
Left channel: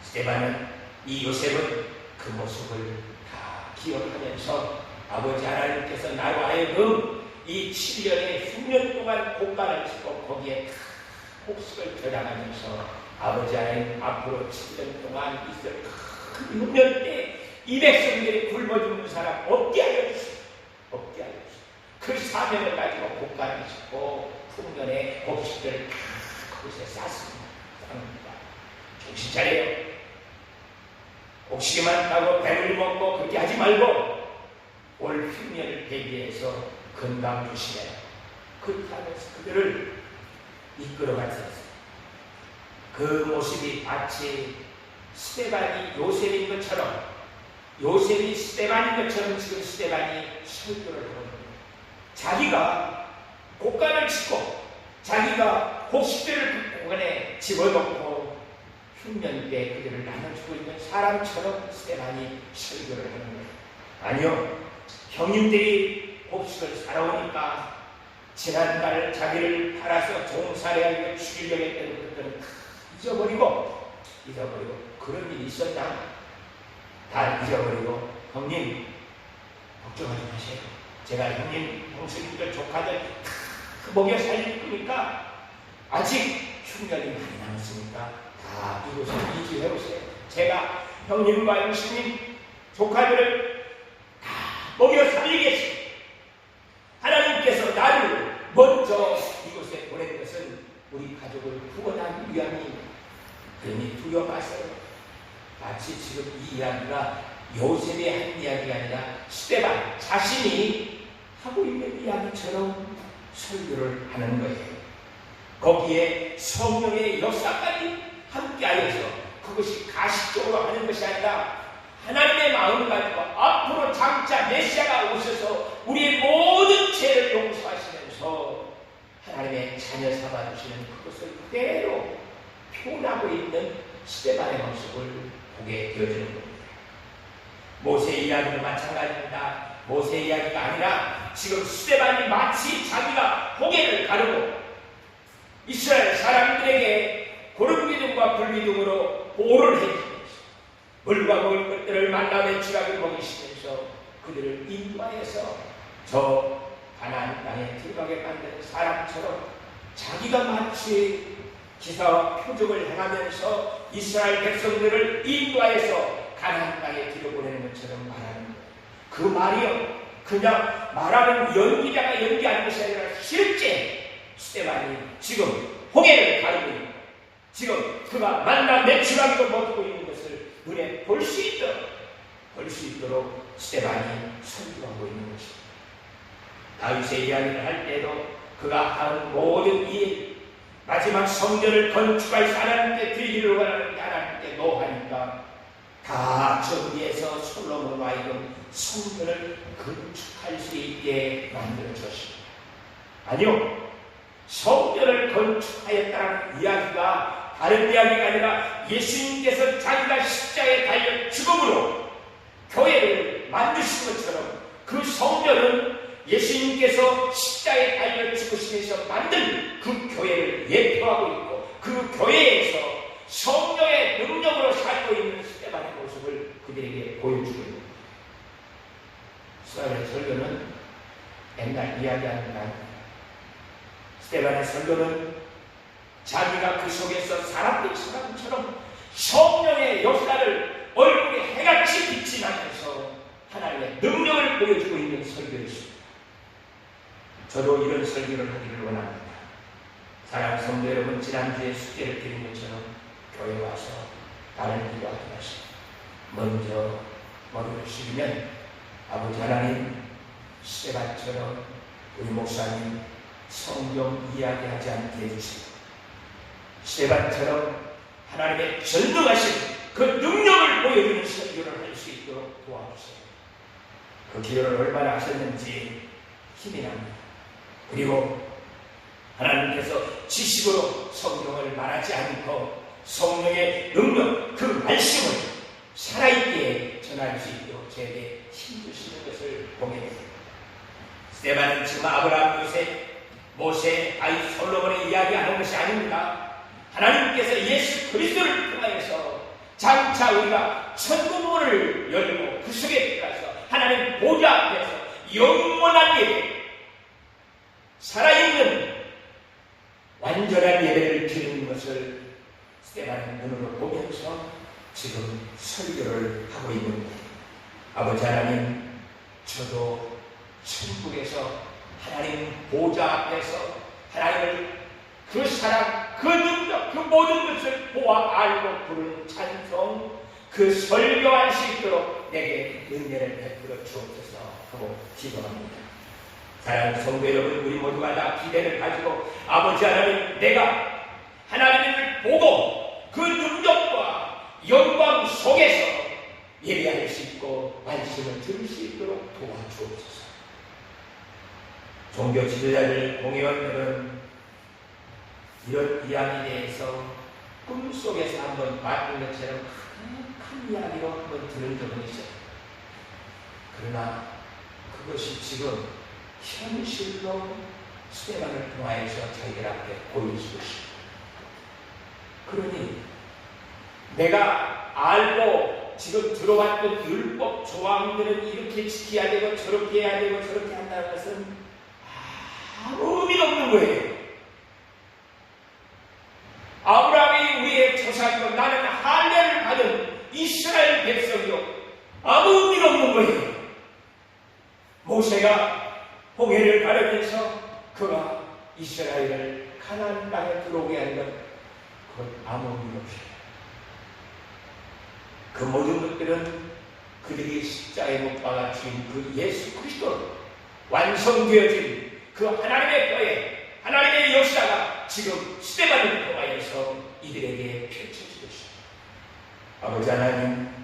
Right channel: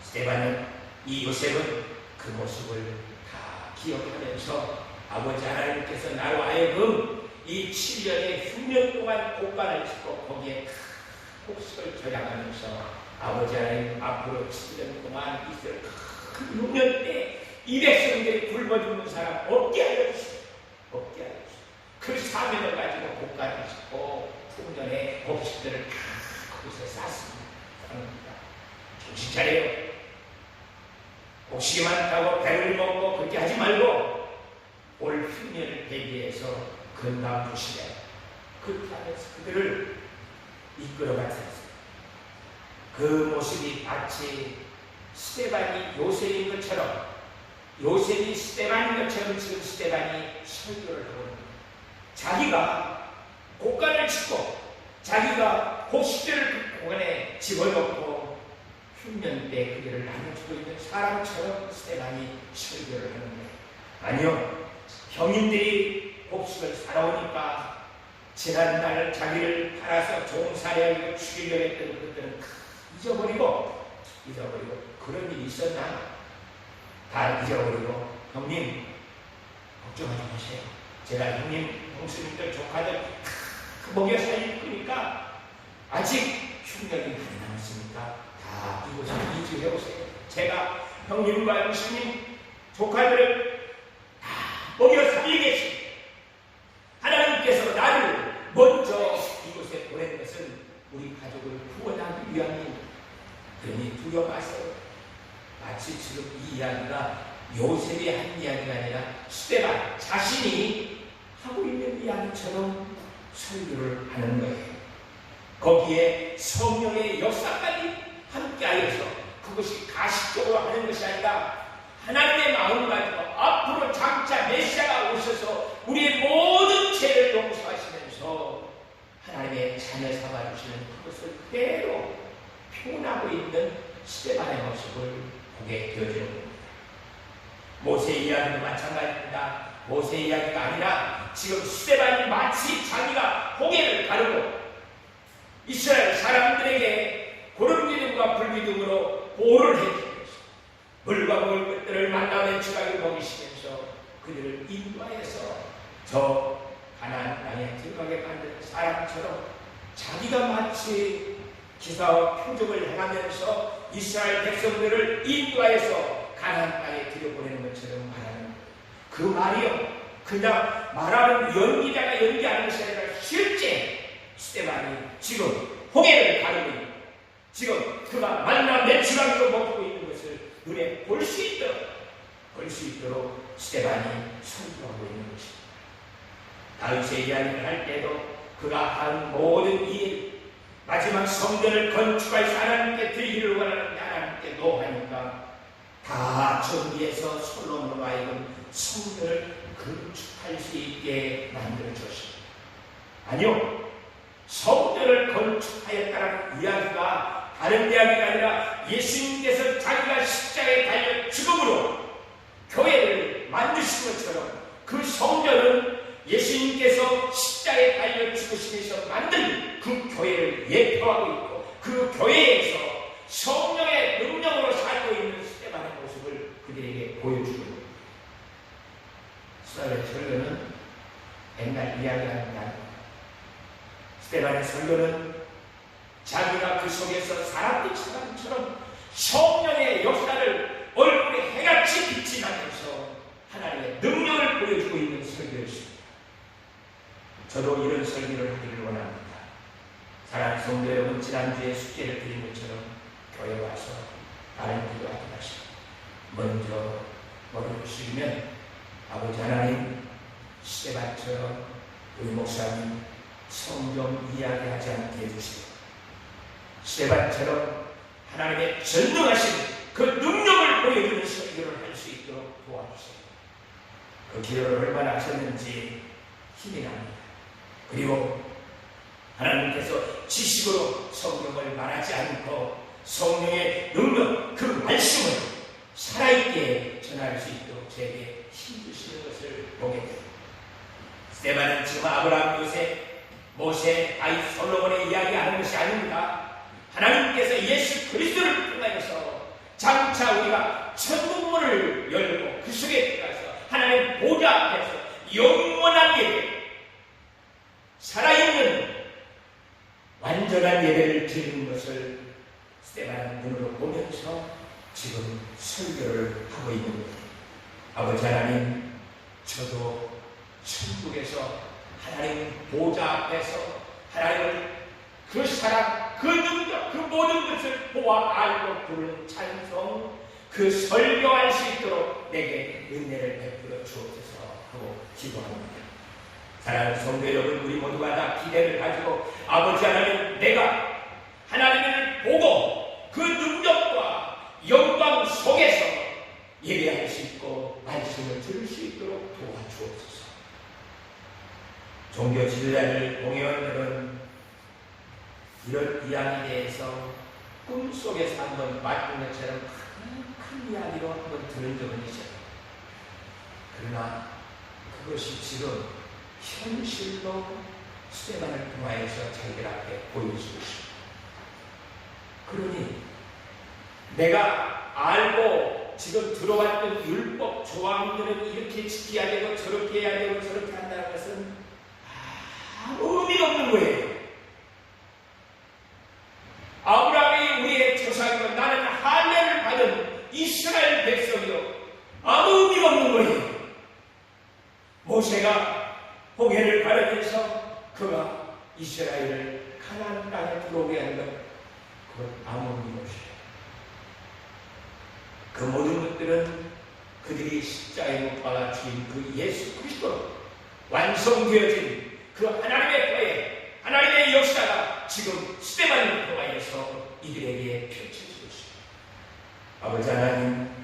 스데반은, 이 요셉은 그 모습을 다 기억하면서 아버지 하나님께서 나로 하여금 이 7년에 6년 동안 곡간을 짓고 거기에 곡식을 저장하면서 아버지 하나님 앞으로 7년 동안 있을 큰 6년 때 200성들이 굶어 죽는 사람 없게 하여 주시오. 없게 하여 주시오. 그 사명을 가지고 곡간을 짓고 풍년에 곡식들을 다 거기서 쌌습니다. 정신 차려요. 곡식이 많다고 배를 먹고 그렇게 하지 말고 올 흉년을 대비해서 건강 조심해요. 그렇게 하면서 그들을 이끌어갔습니다. 그 모습이 마치 스데반이 요셉인 것처럼, 요셉이 스데반인 것처럼 지금 스데반이 설교를 하고 있는 거예요. 자기가 곡간을 짓고 자기가 곡식들을 그 곡간에 집어넣고 흉년 때 그들을 나눠주고 있는 사람처럼 스데반이 설교를 하는 거예요. 아니요, 형님들이 곡식을 살아오니까 지난달 자기를 팔아서 종살이하고 죽이려고 했던 것들은 다 잊어버리고 그런 일이 있었나? 다 잊어버리고 형님 걱정하지 마세요. 제가 형님, 형수님들, 조카들 다 먹여 살릴 거니까 아직 흉년이 많이 남았으니까 다 이곳에 이주해오세요. 제가 형님과 형수님, 조카들을 다 먹여 살리겠습니다. 하나님께서 나를 먼저 이곳에 보낸 것은 우리 가족을 구원하기 위함입니다. 그러니 두려워 마세요. 마치 지금 이 이야기가 요셉의 한 이야기가 아니라 스데반 자신이 하고 있는 이야기처럼 설교를 하는 거예요. 거기에 성령의 역사까지 함께하여서 그것이 가식적으로 하는 것이 아니라 하나님의 마음을 가지고 앞으로 장차 메시아가 오셔서 우리의 모든 죄를 용서하시면서 하나님의 자녀 삼아주시는 그것을 그대로 표현하고 있는 스데반의 모습을 보게 되어지는 겁니다. 모세 이야기도 마찬가지입니다. 모세 이야기가 아니라 지금 스데반이 마치 자기가 고개를 가르고 이스라엘 사람들에게 고름기둥과 불기둥으로 보호를 해주면서 물과 먹을 것들을 만나며 지각을 먹이시면서 그들을 인도하여서 저 가나안 땅에 들어가게 만드는 사람처럼 자기가 마치 기사와 표적을 행하면서 이스라엘 백성들을 인도하여서 가나안 땅에 들여보내는 것처럼 말하는 거예요. 그 말이요, 그냥 말하는 연기자가 연기하는 것이 아니라 실제 스데반이 지금 홍해를 가르고 있는, 지금 그가 만나 매출하기도 못하고 있는 것을 눈에 볼 수 있도록 스데반이 선포하고 있는 것입니다. 다윗의 이야기를 할 때도 그가 한 모든 일, 마지막 성전을 건축하여서 하나님께 드리기를 원하는데 하나님께 노하니까 다 정비해서 솔로몬으로 하여금 성전을 건축할 수 있게 만들어줬습니다. 아니요, 성전을 건축하였다는 이야기가 다른 이야기가 아니라 예수님께서 자기가 십자가에 달려 죽음으로 교회를 만드신 것처럼 그 성전은 예수님께서 십자가에 달려 죽으시면서 만든 그 교회를 예표하고 있고, 그 교회에서 성령의 능력으로 살고 있는 스데반의 모습을 그들에게 보여주고 있습니다. 스데반의 설교는 옛날 이야기하는 게 아닙니다. 스데반의 설교는 자기가 그 속에서 살았던 사람처럼 성령의 역사를 얼굴에 해같이 빛이 나면서 하나님의 능력을 보여주고 있는 설교였습니다. 저도 이런 설교를 하기를 원합니다. 사랑하는 성도 여러분, 지난주에 숙제를 드린 것처럼 교회 와서 다른 기도하지 마시고 먼저 머리를 숙이면 아버지 하나님, 스데반처럼 우리 목사님 성경 이야기하지 않게 해주시고, 스데반처럼 하나님의 전능하신 그 능력을 보여주는 설교를 할 수 있도록 도와주세요. 그 기도를 얼마나 하셨는지 힘이 납니다. 그리고 하나님께서 지식으로 성경을 말하지 않고 성령의 능력, 그 말씀을 살아있게 전할 수 있도록 저에게 힘주시는 것을 보게 됩니다. 스데반은 지금 아브라함, 요셉, 모세, 다윗, 솔로몬의 이야기하는 것이 아닙니다. 하나님께서 예수 그리스도를 통하여서 장차 우리가 천국문을 열고 그 속에 들어가서 하나님 보좌 앞에서 영원한 예배, 살아있는 완전한 예배를 드리는 것을 스데반의 눈으로 보면서 지금 설교를 하고 있는 거예요. 아버지 하나님, 저도 천국에서 하나님 보좌 앞에서 하나님을 그 사랑, 그 능력, 그 모든 것을 보아 알고 부르는 찬송, 그 설교할 수 있도록 내게 은혜를 베풀어 주옵소서 하고 기도합니다. 사랑하는 성도 여러분, 우리 모두가 다 기대를 가지고 아버지 하나님, 내가 하나님을 보고 그 능력과 영광 속에서 예배할 수 있고 말씀을 들을 수 있도록 도와주옵소서. 종교 지도자들, 공회원들은 이런 이야기에 대해서 꿈속에서 한번 맡은 것처럼 큰 이야기로 한번 들은 적은 있어요. 그러나 그것이 지금 현실로 스데반을 통하여서 자기들 앞에 보여지고 있습니다. 그러니 내가 알고 지금 들어왔던 율법 조항들은 이렇게 지켜야 되고 저렇게 해야 되고 저렇게 한다는 것은 아무 의미가 없는 거예요. 아브라함이 우리의 조상이고 나는 할례를 받은 이스라엘 백성이요, 아무 의미가 없는 거예요. 모세가 홍해를 가르면서 그가 이스라엘을 가나안 땅에 들어오게 하는 것, 그건 아무 의미가 없어요. 그 모든 것들은 그들이 십자가에 못 박아 죽인 그 예수 그리스도 완성되어진 그 하나님의 교회, 하나님의 역사가 지금 스데반을 통하여서 이들에게 펼쳐지고 있습니다. 아버지 하나님,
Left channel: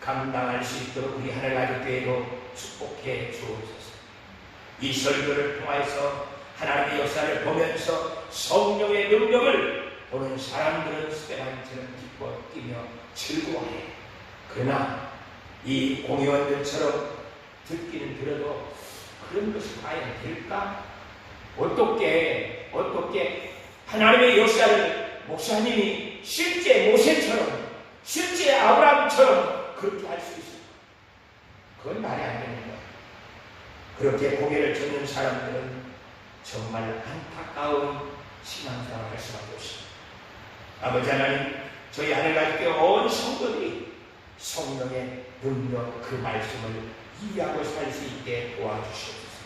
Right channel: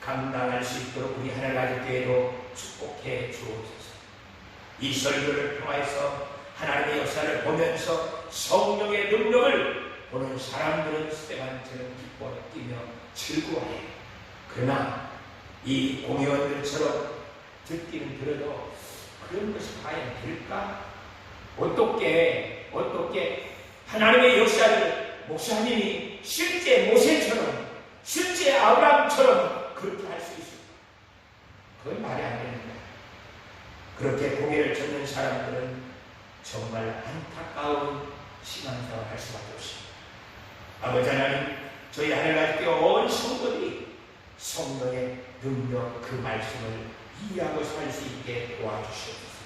감당할 수 있도록 우리 하늘나라교회도 축복해 주옵소서. 이 설교를 통해서 하나님의 역사를 보면서 성령의 능력을 보는 사람들은 스데반처럼 기뻐 뛰며 즐거워해요. 그러나 이 공회원들처럼 듣기는 들어도 그런 것이 과연 될까? 어떻게 하나님의 역사를 목사님이 실제 모세처럼, 실제 아브라함처럼 그렇게 할 수 있을까? 그건 말이 안 되는 거야. 그렇게 고개를 젓는 사람들은 정말 안타까운 신앙생활을 할 수밖에 없습니다. 아버지 하나님, 저희 하늘나라의 온 성도들이 성령의 능력 그 말씀을 이해하고 살 수 있게 도와주시옵소서.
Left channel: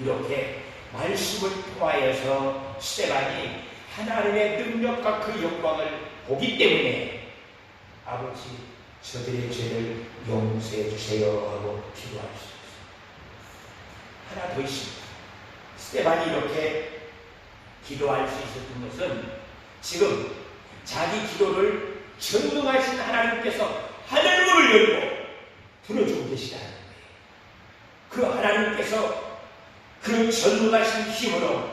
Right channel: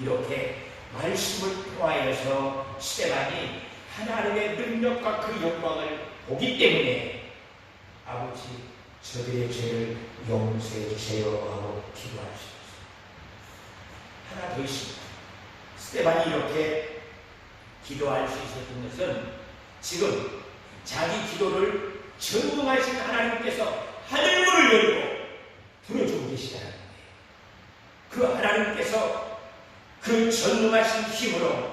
이렇게 말씀을 통하여서 스데반이 하나님의 능력과 그 영광을 보기 때문에 아버지 저들의 죄를 용서해 주세요 하고 기도할 수 있습니다. 하나 더 있습니다. 스데반이 이렇게 기도할 수 있었던 것은 지금 자기 기도를 전능하신 하나님께서 하늘문을 열고 들어주고 계시다는 거예요. 그 하나님께서 그 전능하신 힘으로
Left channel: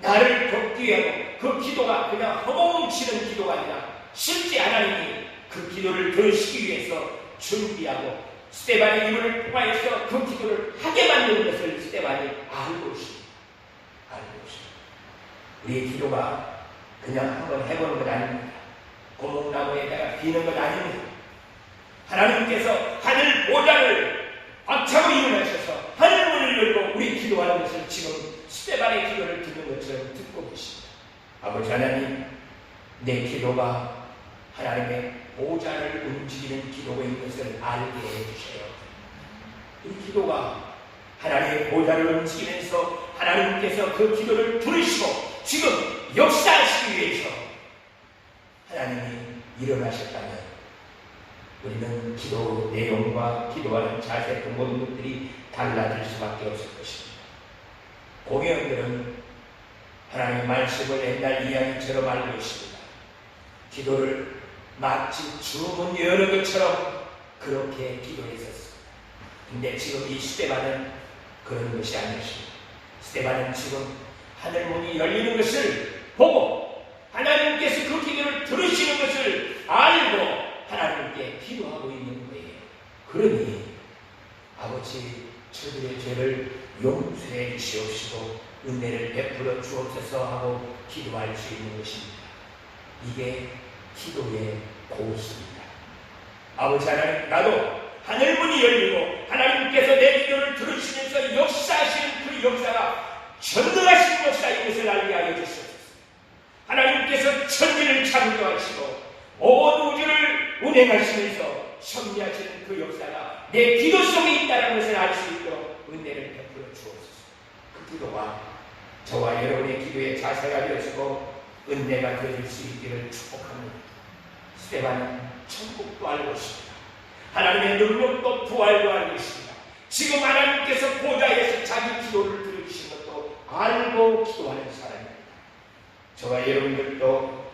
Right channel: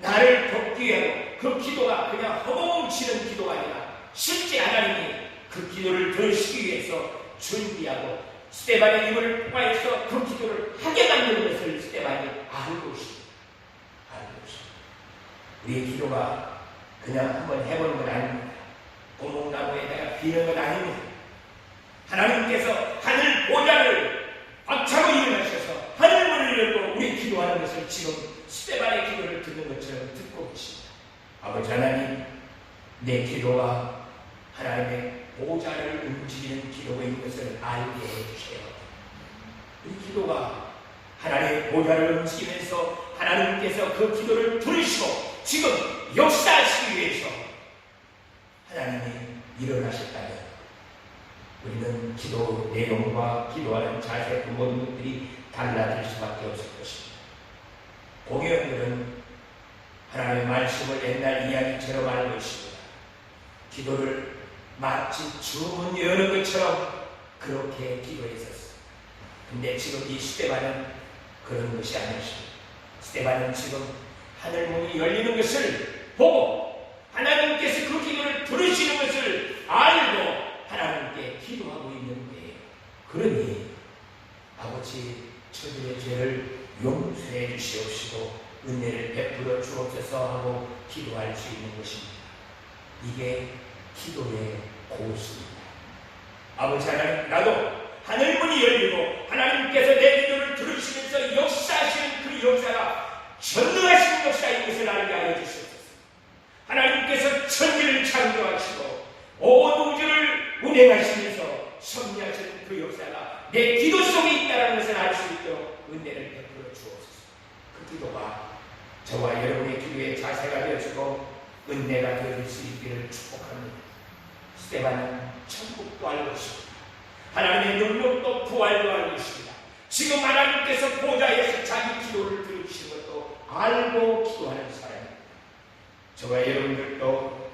나를 돕기 위하고 그 기도가 그냥 허공치는 기도가 아니라 실제 하나님이 그 기도를 들으시기 위해서 준비하고 스데반의 힘을 통하여서 그 기도를 하게 만드는 것을 스데반이 알고 있습니다. 알고 있습니다. 우리의 기도가 그냥 한번 해보는 것 아닙니다. 고목나무에다가 비는 것 아닙니다. 하나님께서 하늘 보좌를 박차고 일어나셔서 하늘문을 열고 우리 기도하는 것을 지금 스데반의 기도를 듣는 것처럼 듣고 계십니다. 아버지 하나님, 내 기도가 하나님의 보좌를 움직이는 기도인 것을 알게 해주세요. 우리 기도가 하나님의 보좌를 움직이면서 하나님께서 그 기도를 들으시고 지금 역사하시기 위해서 하나님이 일어나셨다면 우리는 기도 내용과 기도하는 자세 그 모든 것들이 달라질 수밖에 없을 것입니다. 공회원들은 하나님의 말씀을 옛날 이야기처럼 알고 있습니다. 기도를 마치 주문 여는 것처럼 그렇게 기도했었습니다. 근데 지금 이 스데반은 그런 것이 아니었습니다. 스데반은 지금 하늘문이 열리는 것을 보고 하나님께서 그 기도를 들으시는 것을 알고 하나님께 기도하고 있는 거예요. 그러니 아버지 저들의 죄를 용서해 주시옵시고 은혜를 베풀어 주옵소서 하고 기도할 수 있는 것입니다. 이게 기도의 고수입니다. 아버지 하나님, 나도 하늘문이 열리고 하나님께서 내 기도를 들으시면서 역사하시는 그 역사가 전능하신 역사인 것을 알게 하여 주시옵소서. 하나님께서 천지를 창조하시고 온 우주를 운행하시면서 섭리하시는 그 역사가 내 기도 속에 있다는 것을 알 수 있도록 은혜를 베풀어 주옵소서. 그 기도가 저와 여러분의 기도의 자세가 되어지고 은혜가 되어질 수 있기를 축복합니다. 스데반은 천국도 알고 있습니다. 하나님의 능력도 부활도 알고 있습니다. 지금 하나님께서 보좌에서 자기 기도를 들으시는 것도 알고 기도하는 사람입니다. 저와 여러분들도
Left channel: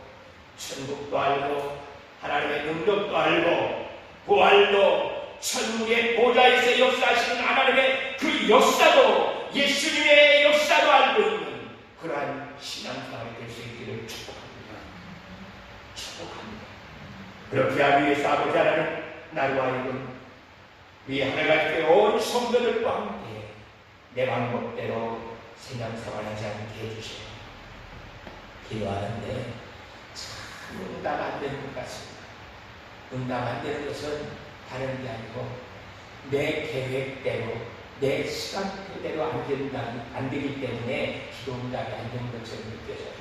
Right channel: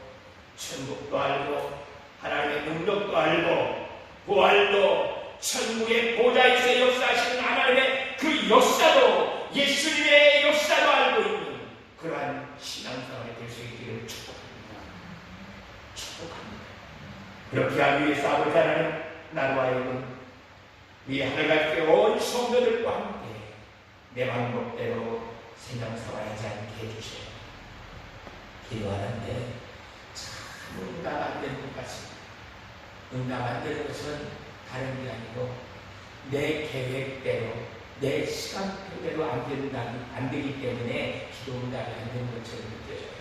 천국도 알고 하나님의 능력도 알고 부활도 천국의 보좌에서 역사하시는 하나님의 그 역사도 예수님의 역사도 알고 있는 그러한 신앙생활이 될 수 있기를 축복합니다. 축복합니다. 그렇게 하기 위해서 아버지 하나님, 나로 하여금 이 하늘같이 온 성도들과 함께 내 방법대로 신앙생활하지 않게 해주세요. 기도하는데 참 응답 안 되는 것 같습니다. 응답 안 되는 것은 다른 게 아니고 내 계획대로 내 시간표대로 안 되기 때문에 기도 응답이 안 되는 것처럼 느껴져요.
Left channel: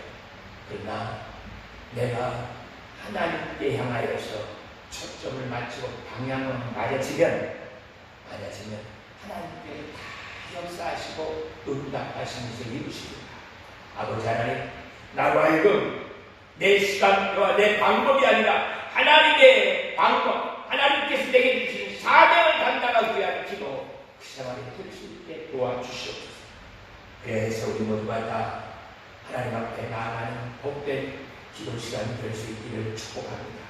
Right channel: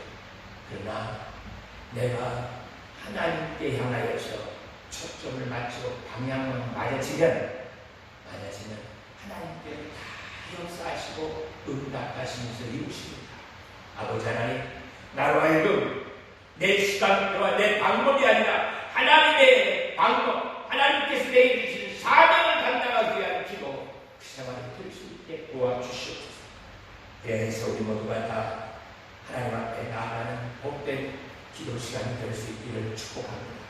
그러나 내가 하나님께 향하여서 초점을 맞추고 방향을 맞아지면 하나님께서 다 역사하시고 응답하시면서 이루십니다. 아버지 하나님, 나로 하여금 내 시간표와 내 방법이 아니라 하나님의 방법, 하나님께서 내게 주시는 사명을 감당하기 위한 기도 그 생활이 될 수 있게 도와주시옵소서. 그래서 우리 모두가 다 하나님 앞에 나아가는 복된 기도 시간이 될 수 있기를 축복합니다.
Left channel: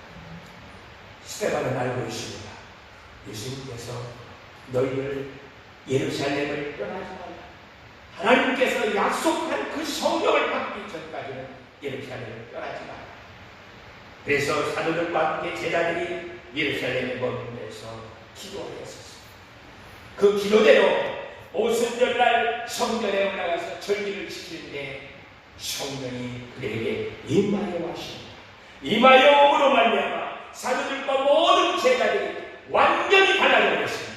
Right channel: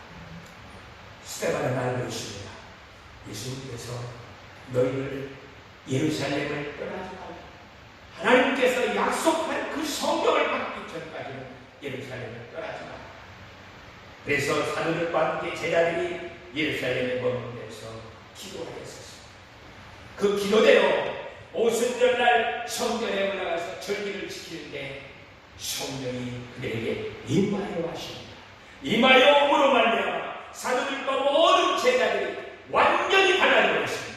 스데반은 알고 있습니다. 예수님께서 너희를 예루살렘을 떠나지 말라. 하나님께서 약속한 그 성경을 받기 전까지는 예루살렘을 떠나지 말라. 그래서 사도들과 함께 제자들이 예루살렘에 머물면서 기도하였습니다. 그 기도대로 오순절날 성전에 올라가서 절기를 지키는데 성령이 그들에게 임하여 하십니다. 임하여 오므로 말미암아 사도들과 모든 제자들이 완전히 달라져 버렸습니다.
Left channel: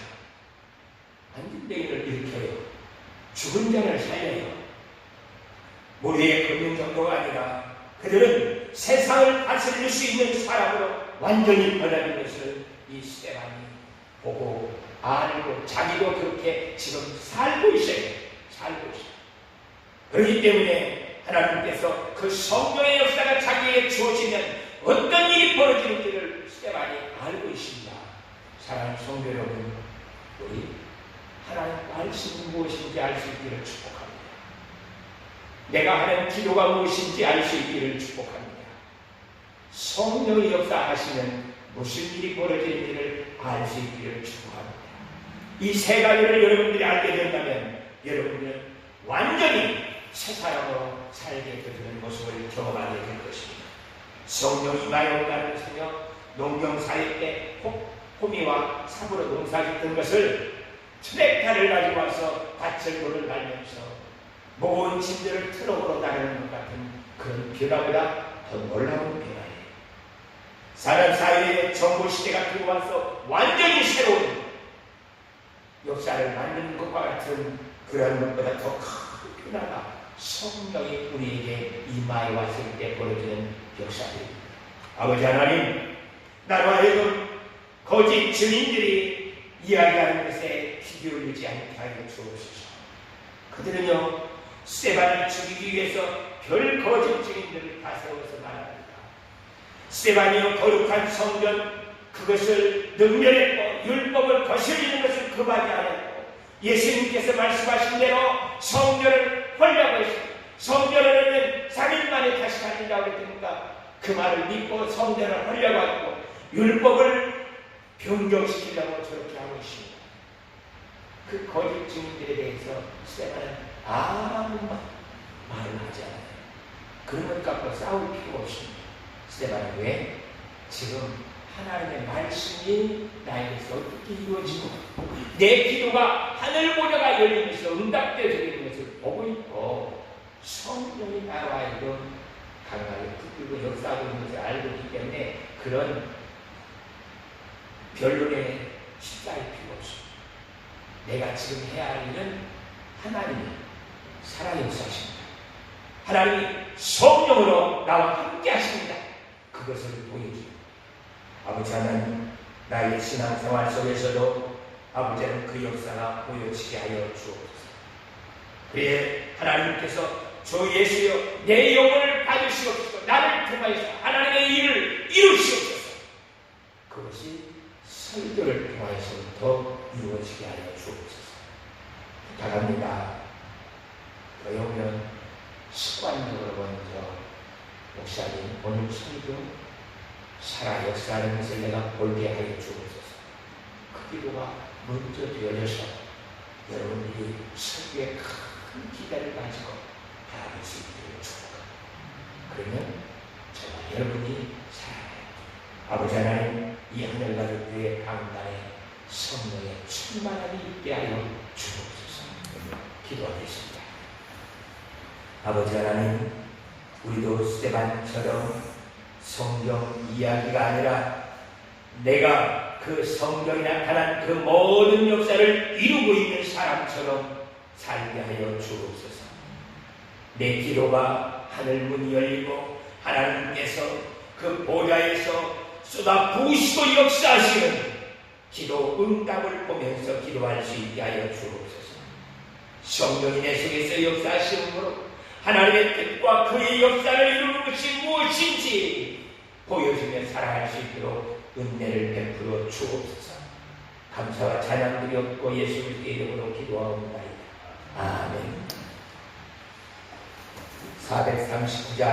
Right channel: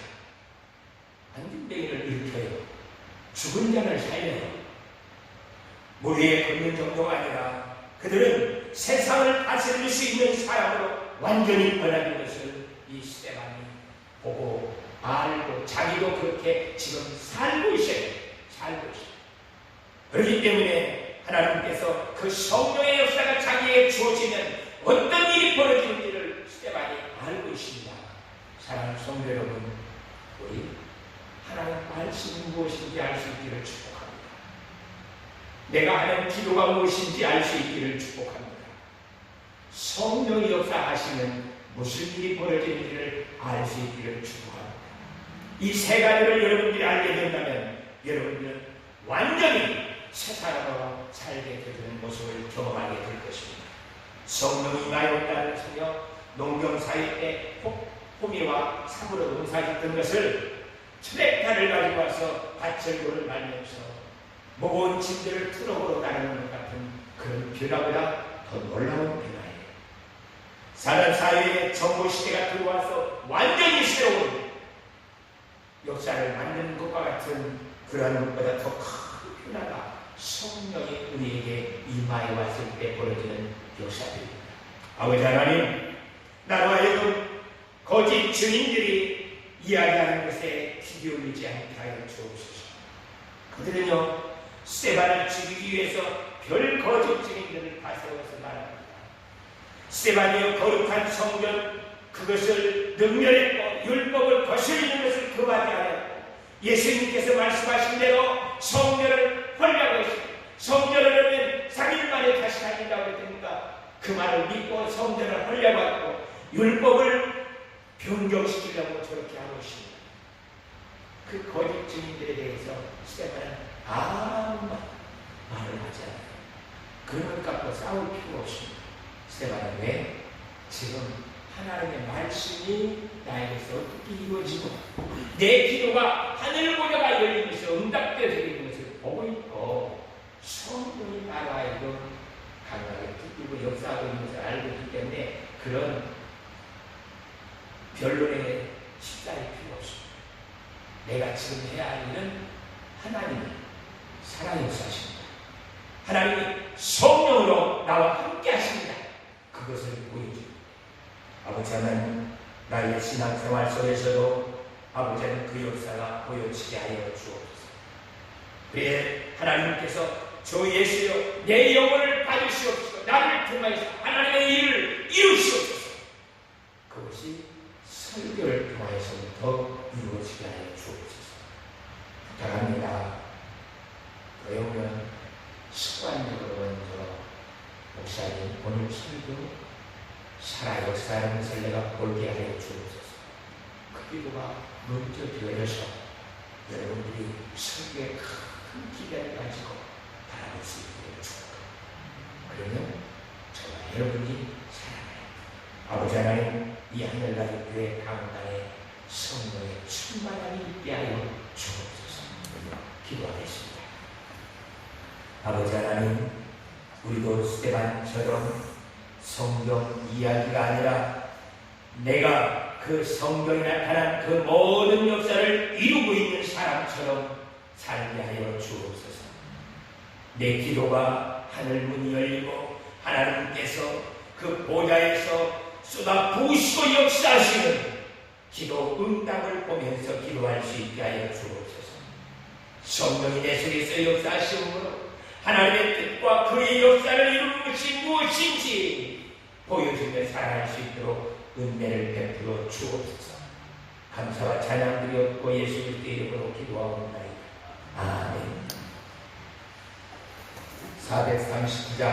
안진뱅이를 일으켜요. 죽은 자를 살려요. 물 위에 걷는 정도가 아니라 그들은 세상을 다스릴 수 있는 사람으로 완전히 변하는 것을 이 스데반이 보고 알고 자기도 그렇게 지금 살고 있어요. 그렇기 때문에 하나님께서 그 성령의 역사가 자기에게 주어지면 어떤 일이 벌어지는지를 스데반이 알고 있습니다. 사랑하는 성도 여러분, 우리 하나님 말씀이 무엇인지 알 수 있기를 축복합니다. 내가 하는 기도가 무엇인지 알 수 있기를 축복합니다. 성령이 역사하시면 무슨 일이 벌어지는지를 알 수 있기를 축복합니다. 이 세 가지를 여러분들이 알게 된다면 여러분들은 완전히 새 사람으로 살게 되는 모습을 경험하게 될 것입니다. 성령이 임하였다는 사며 농경사일 때 호미와 삽으로 농사짓던 것을 트랙터를 가지고 와서 밭을 돌을 말면서 무거운 짐들을 트럭으로 다루는 것 같은 그런 변화보다 더 놀라운 변화예요. 사람 사회에 정보시대가 들어와서 완전히 새로운 역사를 만드는 것과 같은 그런 것보다 더 큰 변화가 성령이 우리에게 임하여 왔을 때 벌어지는 역사들입니다. 아버지 하나님, 나로 하여금 거짓 증인들이 이야기하는 것에 귀 기울이지 않게 하여 주옵소서. 그들은요, 스데반을 죽이기 위해서 별 거짓 증인들을 다 세워서 말합니다. 스데반이요, 거룩한 성전 그것을 능멸했고 율법을 거스리는 것을 금하지 않았고 예수님께서 말씀하신 대로 성전을 헐려고 했습니다. 성전을 하면 3일 만에 다시 가진다고 했으니까 그 말을 믿고 성전을 헐려고 하고 율법을 변경시키려고 저렇게 하고 있습니다. 그 거짓 증인들에 대해서 스데반은 아무 말을 하지 않아요. 그런 것 갖고 싸울 필요가 없습니다. 스데반은 왜? 지금 하나님의 말씀이 나에게서 어떻게 이루어지고 내 기도가 하늘 모녀가 열리면서 응답되어지는 것을 보고 있고 성령이 나로 하여금 강하게 붙들고 역사하고 있는 것을 알고 있기 때문에 그런 변론에 십자일 필요 없습니다. 내가 지금 해야 할 일은 하나님이 사랑의 역사하십니다. 하나님이 성령으로 나와 함께 하십니다. 그것을 보여줍니다. 아버지 하나님, 나의 신앙생활 속에서도 아버지는 그 역사가 보여지게 하여 주옵소서. 그래 하나님께서 저 예수여 내 영혼을 받으시옵소서. 나를 통하여서 하나님의 일을 이루시옵소서. 그것이 설교를 통하여서부터 이루어지게 하여 주옵소서. 부탁합니다. 그러면 습관적으로 먼저 목사님 오늘 설교 살아 역사하는 것을 내가 볼게 하여 주옵소서. 그 기도가 먼저 되어져서 여러분들이 설교에 큰 기대를 가지고 바라볼 수 있기를 축복합니다. 그러면 저와 여러분이 살아가요. 아버지 하나님, 이 하늘나라의 강단에 성령의 충만함이 있게 하여 주옵소서. 기도하겠습니다. 아버지 하나님, 우리도 스데반처럼 성경 이야기가 아니라 내가 그 성경에 나타난 그 모든 역사를 이루고 있는 사람처럼 살게 하여 주옵소서. 내 기도가 하늘 문이 열리고 하나님께서 그 보좌에서 쏟아 부으시고 역사하시는 기도 응답을 보면서 기도할 수 있게 하여 주옵소서. 성령이 내 속에서 역사하시므로 하나님의 뜻과 그의 역사를 이루는 것이 무엇인지 보여주며 살아갈 수 있도록 은혜를 베풀어 주옵소서. 감사와 찬양 드렸고 예수 그리스도의 이름으로 기도하옵나이다. 아멘. 439장